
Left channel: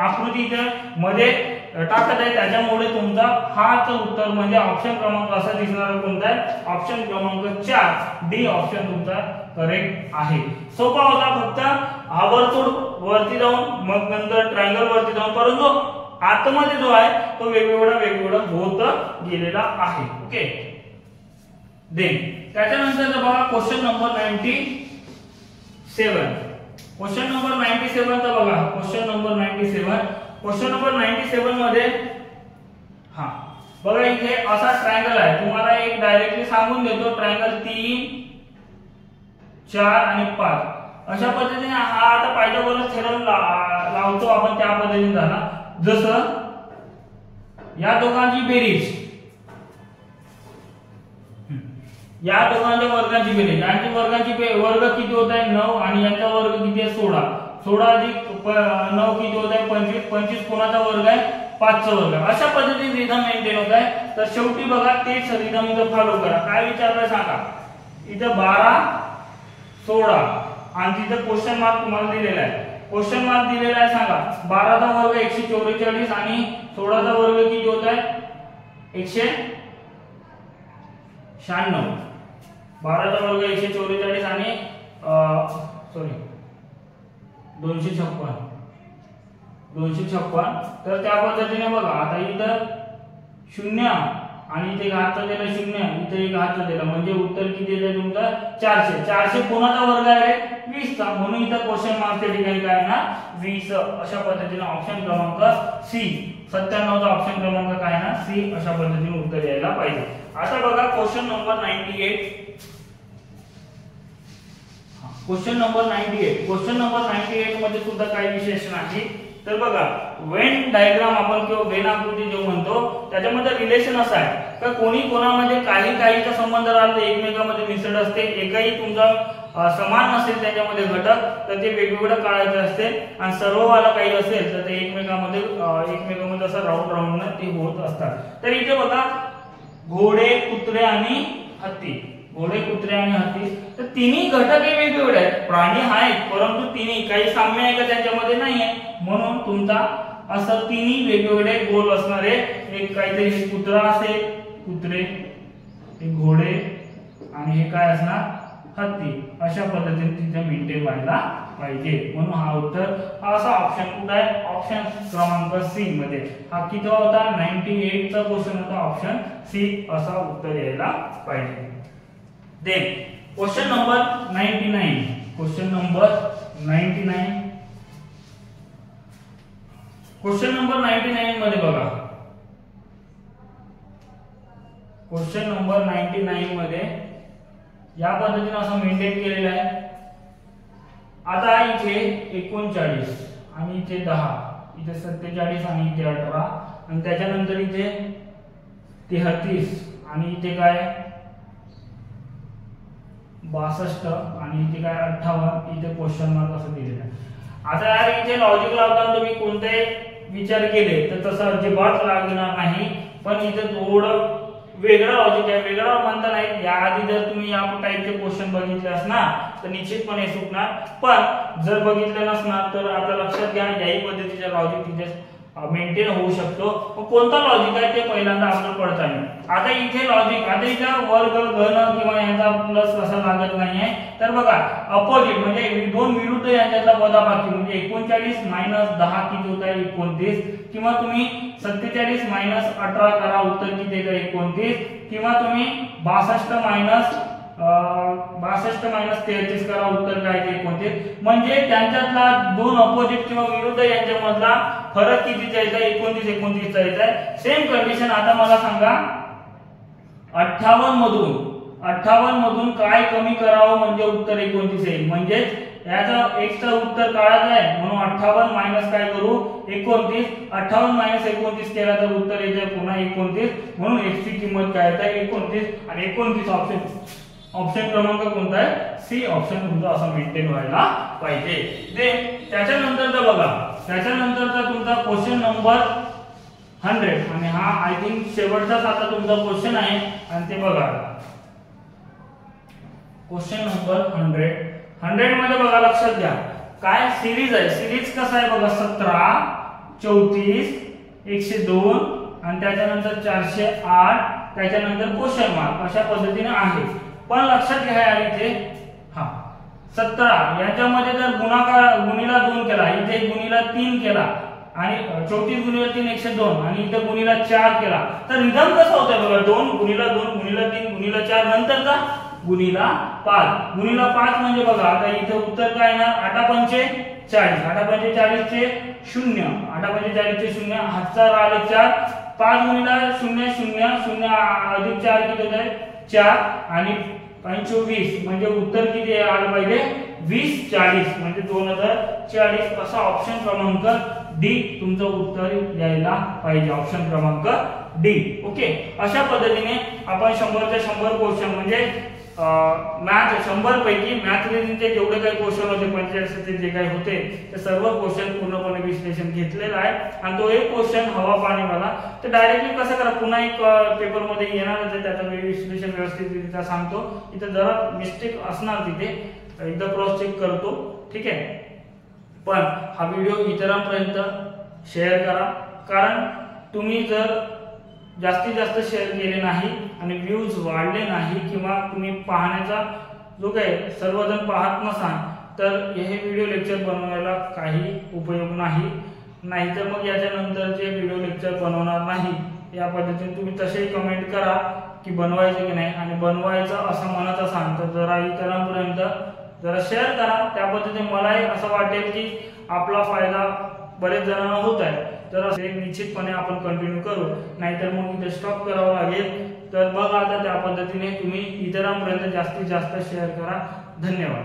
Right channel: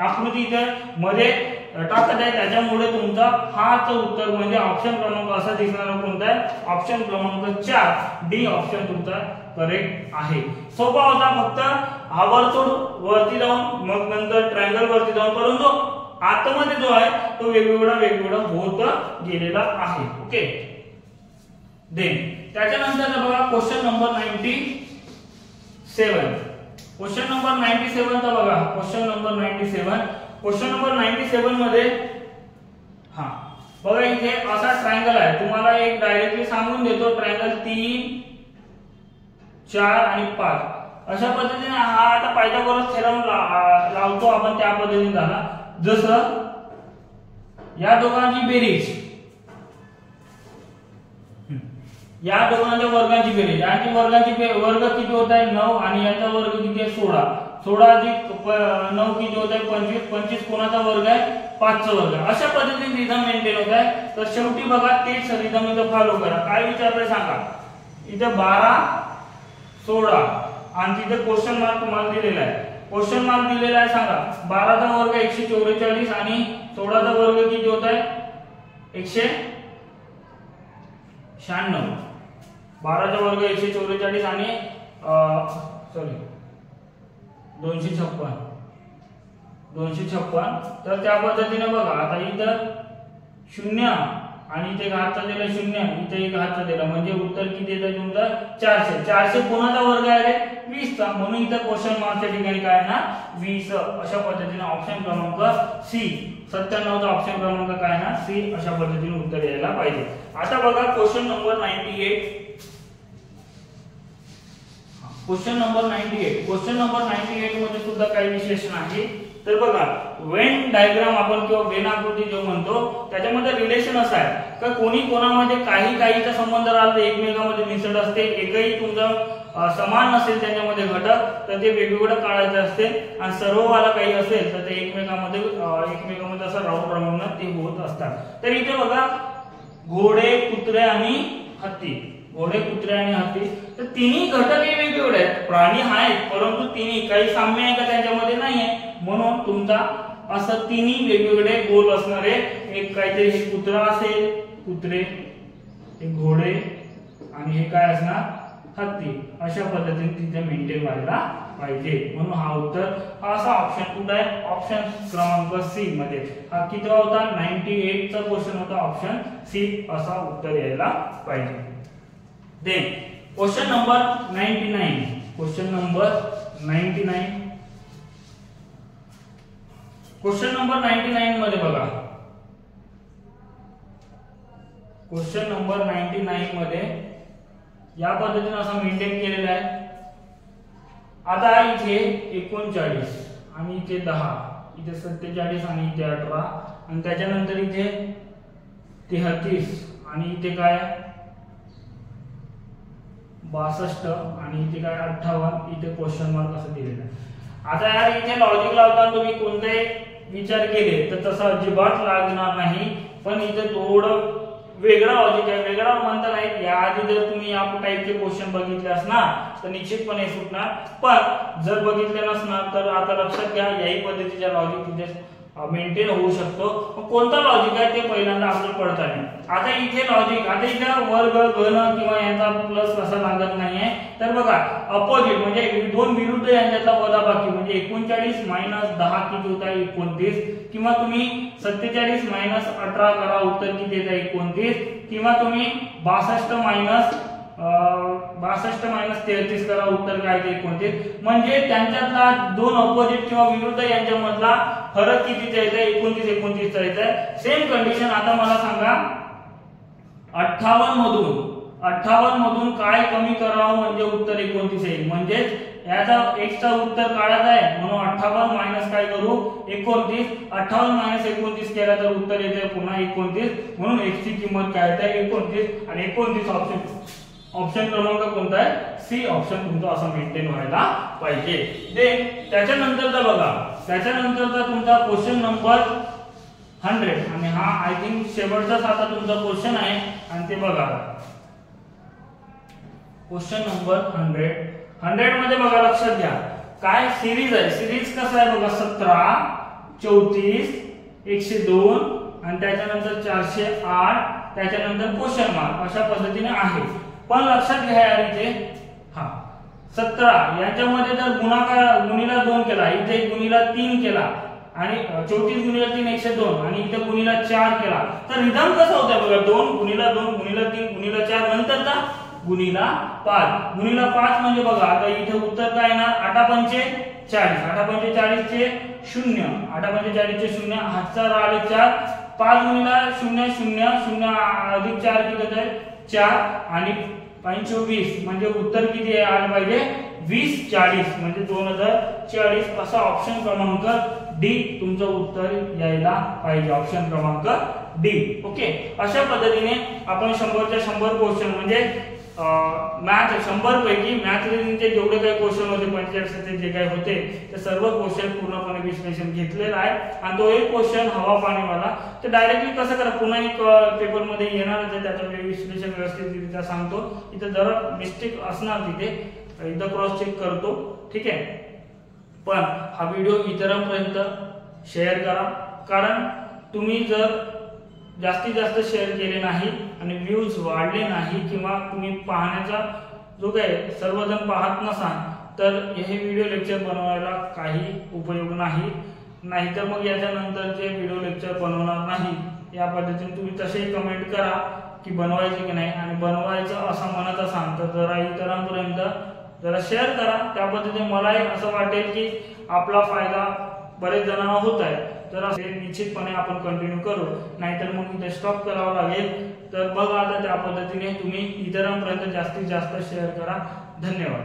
आकृती इथे मध्ये टाकत आहे, त्याच्यामुळे तुमचा हाच उत्तर म्हणजे ऑप्शन क्रमांक असा दिसणारा कोणता आहे, ऑप्शन क्रमांक 4 डी ऑप्शन तुमचा करेक्ट आहे. सोपा होता, फक्त हा वर्तुळ वरती जाऊन मग नंतर ट्रायंगल वरती जाऊन, परंतु आतमध्ये जो आहे तो वेगवेगळा होत गेलेला आहे. ओके, देन त्याच्यानंतर बघा क्वेश्चन नंबर 97. क्वेश्चन नंबर 97 चा बघा, क्वेश्चन नंबर 97 मध्ये बघा इथे असा ट्रायंगल आहे. तुम्हाला एक डायरेक्टली सांगून देतो, ट्रायंगल 3, 4 आणि 5 अशा पद्धतीने हा आता पायथागोरस थेरम लावतो आपण, त्या पद्धतीने झाला. जसं या दोघांची बेरीज, या दोघांच्या वर्गाची बेरीज, यांची वर्गाची वर्ग किती होत आहे 9 आणि यांचा वर्ग किती आहे 16. 16 अधिक 9 किती होत आहे 25. 25 कोणाचा वर्ग आहे 5 चा वर्ग. अशा पद्धतीने रिदम मेंटेन होत आहे. तर शेवटी बघा तेच रिदम इथं फॉलो करा. काय विचारलंय सांगा, इथं 12, 16 आणि तिथं क्वेश्चन मार्क तुम्हाला दिलेला आहे. क्वेश्चन मार्क दिलेला आहे, सांगा 12 चा वर्ग 144 आणि 16 चा वर्ग किती होत आहे 196. 12 चा वर्ग 144 आणि 256. तर त्या पद्धतीने बघा आता इथं 0 आणि इथे घातचा दिला 0, इथे एक घातचा दिला म्हणजे उत्तर किती येतं तुमचं 400. 400 कोणाचा वर्ग आहे रे 20 चा, म्हणून इथं क्वेश्चन मार्कच्या ठिकाणी काय ना 20. अशा पद्धतीने ऑप्शन क्रमांक सी 97 चा ऑप्शन क्रमांक काय ना सी, अशा पद्धतीने उत्तर यायला पाहिजे. आता बघा क्वेश्चन नंबर 98. क्वेश्चन नंबर 98 मध्ये सुद्धा काही विशेष नाही. तर बघा वेन डायग्राम आपण किंवा वेन आकृती जो म्हणतो त्याच्यामध्ये रिलेशन असं आहे का कोणी कोणामध्ये काहीचा संबंध राहतो, एकमेकांमध्ये मिसळ असते, एकही तुमचा समान नसेल त्याच्यामध्ये घटक तर ते वेगवेगळं काढायचं असते आणि सर्ववाला काही असेल तर ते एकमेकांमध्ये असं राऊंड ते होत असतात. तर इथे बघा घोडे, कुत्रे आणि हत्ती, घोडे, कुत्रे आणि हत्ती, तर तिन्ही घटक हे वेगवेगळे आहेत, प्राणी आहेत परंतु तिन्ही काही साम्य आहे का त्यांच्यामध्ये नाही आहे, म्हणून तुमचा असं तिन्ही वेगवेगळे गोल असणारे एक काहीतरी कुत्रा असेल, कुत्रे, एक घोडे आणि हे काय असणार हत्ती, अशा पद्धतीने तिथे मेंटेन व्हायला पाहिजे. म्हणून हा उत्तर असा ऑप्शन कुठे आहे, ऑप्शन क्रमांक सी मध्ये. हा किती होता 98 चा क्वेश्चन होता, ऑप्शन सी असा उत्तर यायला पाहिजे. Then question number 99, question number 99, question number 99 मध्ये बघा, क्वेश्चन नंबर 99 मध्ये या पद्धतीने असं मेंटेन केलेलं आहे. आता इथे 39 आणि इथे 10, इथे 47 आणि इथे 18 आणि त्याच्यानंतर इथे 33 आणि इथे काय 62 आणि इथे काय 58, इथे क्वेश्चन मार्क असं दिलेलं आहे. आता यार इथे लॉजिक लावताना तुम्ही कोणते विचार केले तर तसं अजिबात लागणार नाही, पण इथे थोडं वेगळा लॉजिक आहे, वेगळा म्हणता नाही. याआधी जर तुम्ही या टाईपचे क्वेश्चन बघितले असणार तर निश्चितपणे सुटणार, पण जर बघितले नसणार तर आता लक्षात घ्या याही पद्धतीचा लॉजिक तिथे मेंटेन होऊ शकतो. कोणता लॉजिक आहे ते पहिल्यांदा आपल्याला पडत आहे. आता इथे लॉजिक, आता इथे वर्ग घन किंवा यांचा प्लस असा लागत नाहीये. तर बघा अपोजिट म्हणजे दोन विरुद्ध यांच्यातला वजाबाकी म्हणजे 39 मायनस 10 किती होत आहे 29, किंवा तुम्ही 47 मायनस 18 करा उत्तर किती येत आहे 29, किंवा तुम्ही 62 मायनस 33 करा उत्तर काय येते 29. म्हणजे त्यांच्यातला दोन अपोजिट किंवा विरुद्ध यांच्यामधला फरक कितीचा येत आहे 29 चा येत आहे. सेम कंडिशन आता मला सांगा 58 मधून काय कमी करावं म्हणजे उत्तर 29 येईल. म्हणजे याचा x चा उत्तर काढायचा आहे म्हणून 58 मायनस काय करू 29, 58 मायनस 29 केला तर उत्तर येते पुन्हा 29, म्हणून x ची किंमत काय येते 29 आणि 29 ऑप्शन क्रमांक कोणता आहे सी ऑप्शन तुमचा असं मेंटेन व्हायला पाहिजे. देन त्याच्यानंतरचा बघा, त्याच्यानंतरचा तुमचा क्वेश्चन नंबर 100 आणि हा आय थिंक शेवटचाच आता तुमचा क्वेश्चन आहे आणि ते बघा क्वेश्चन नंबर 100 मध्ये बघा लक्षात घ्या काय सिरीज आहे. सिरीज कसं आहे बघा 17, 34, 102 आणि त्याच्यानंतर 408, त्याच्यानंतर क्वेश्चन मार्क अशा पद्धतीने आहे. पण लक्षात घ्या यार इथे 17 याच्यामध्ये जर गुणिला 2 केला, इथे गुणिला 3 केला आणि 34 गुणिला 3 102 आणि इथे गुणिला 4 केला तर रिदम कसं होतं बघा 2 गुणिला 2 गुणिला 3 गुणिला 4 नंतरचा गुणिला 5 म्हणजे बघा आता इथे उत्तर काय येणार 8 पंचे 40, 8 पंचे 40 चे 0, 8 पंचे 40 चे 0, हातचा राहिले 4, 5 गुणिला 0 0 0 अधिक 4 किती होत आहे 4 आणि 25 म्हणजे उत्तर किती आले पाहिजे 20 40 म्हणजे 2040 असा ऑप्शन क्रमांक डी तुमचं उत्तर यायला पाहिजे. ऑप्शन क्रमांक डी. ओके, अशा पद्धतीने आपण 100च्या 100 क्वेश्चन म्हणजे मॅथ 100 पैकी मॅथ रिजनिंगचे जेवढे काही क्वेश्चन होते 45 जे काही होते ते सर्व क्वेश्चन पूर्णपणे विश्लेषण घेतलेलं आहे. आणि तो एक क्वेश्चन हवा पाणीवाला ते डायरेक्टली कसं करा पुन्हा एक पेपर मध्ये येणारच आहे, त्याचं मी विश्लेषण व्यवस्थितरित्या सांगतो. इथे जरा मिस्टेक असणार तिथे एकदा क्रॉस चेक करतो, ठीक आहे. पण हा व्हिडिओ इतरांपर्यंत शेअर करा, कारण तुम्ही जर जास्तीत जास्त शेअर केले नाही आणि व्ह्यूज वाढले नाही किंवा तुम्ही पाहण्याचा जो काही सर्वजण पाहत नसाल तर हे व्हिडिओ लेक्चर बनवायला काही उपयोग नाही. नाहीतर मग याच्यानंतरचे व्हिडिओ लेक्चर बनवणार नाही. या पद्धतीने तुम्ही तसे कमेंट करा की बनवायचे की नाही, आणि बनवायचं असं म्हणत असाल तर जरा इतरांपर्यंत जरा शेअर करा. त्या पद्धतीने मलाही असं वाटेल की आपला फायदा बरेच जणांना होत आहे. तर असे निश्चितपणे आपण कंटिन्यू करू, नाहीतर मग इथे स्टॉप करावं लागेल. तर बघा आता त्या पद्धतीने तुम्ही इतरांपर्यंत जास्तीत जास्त शेअर करा. धन्यवाद.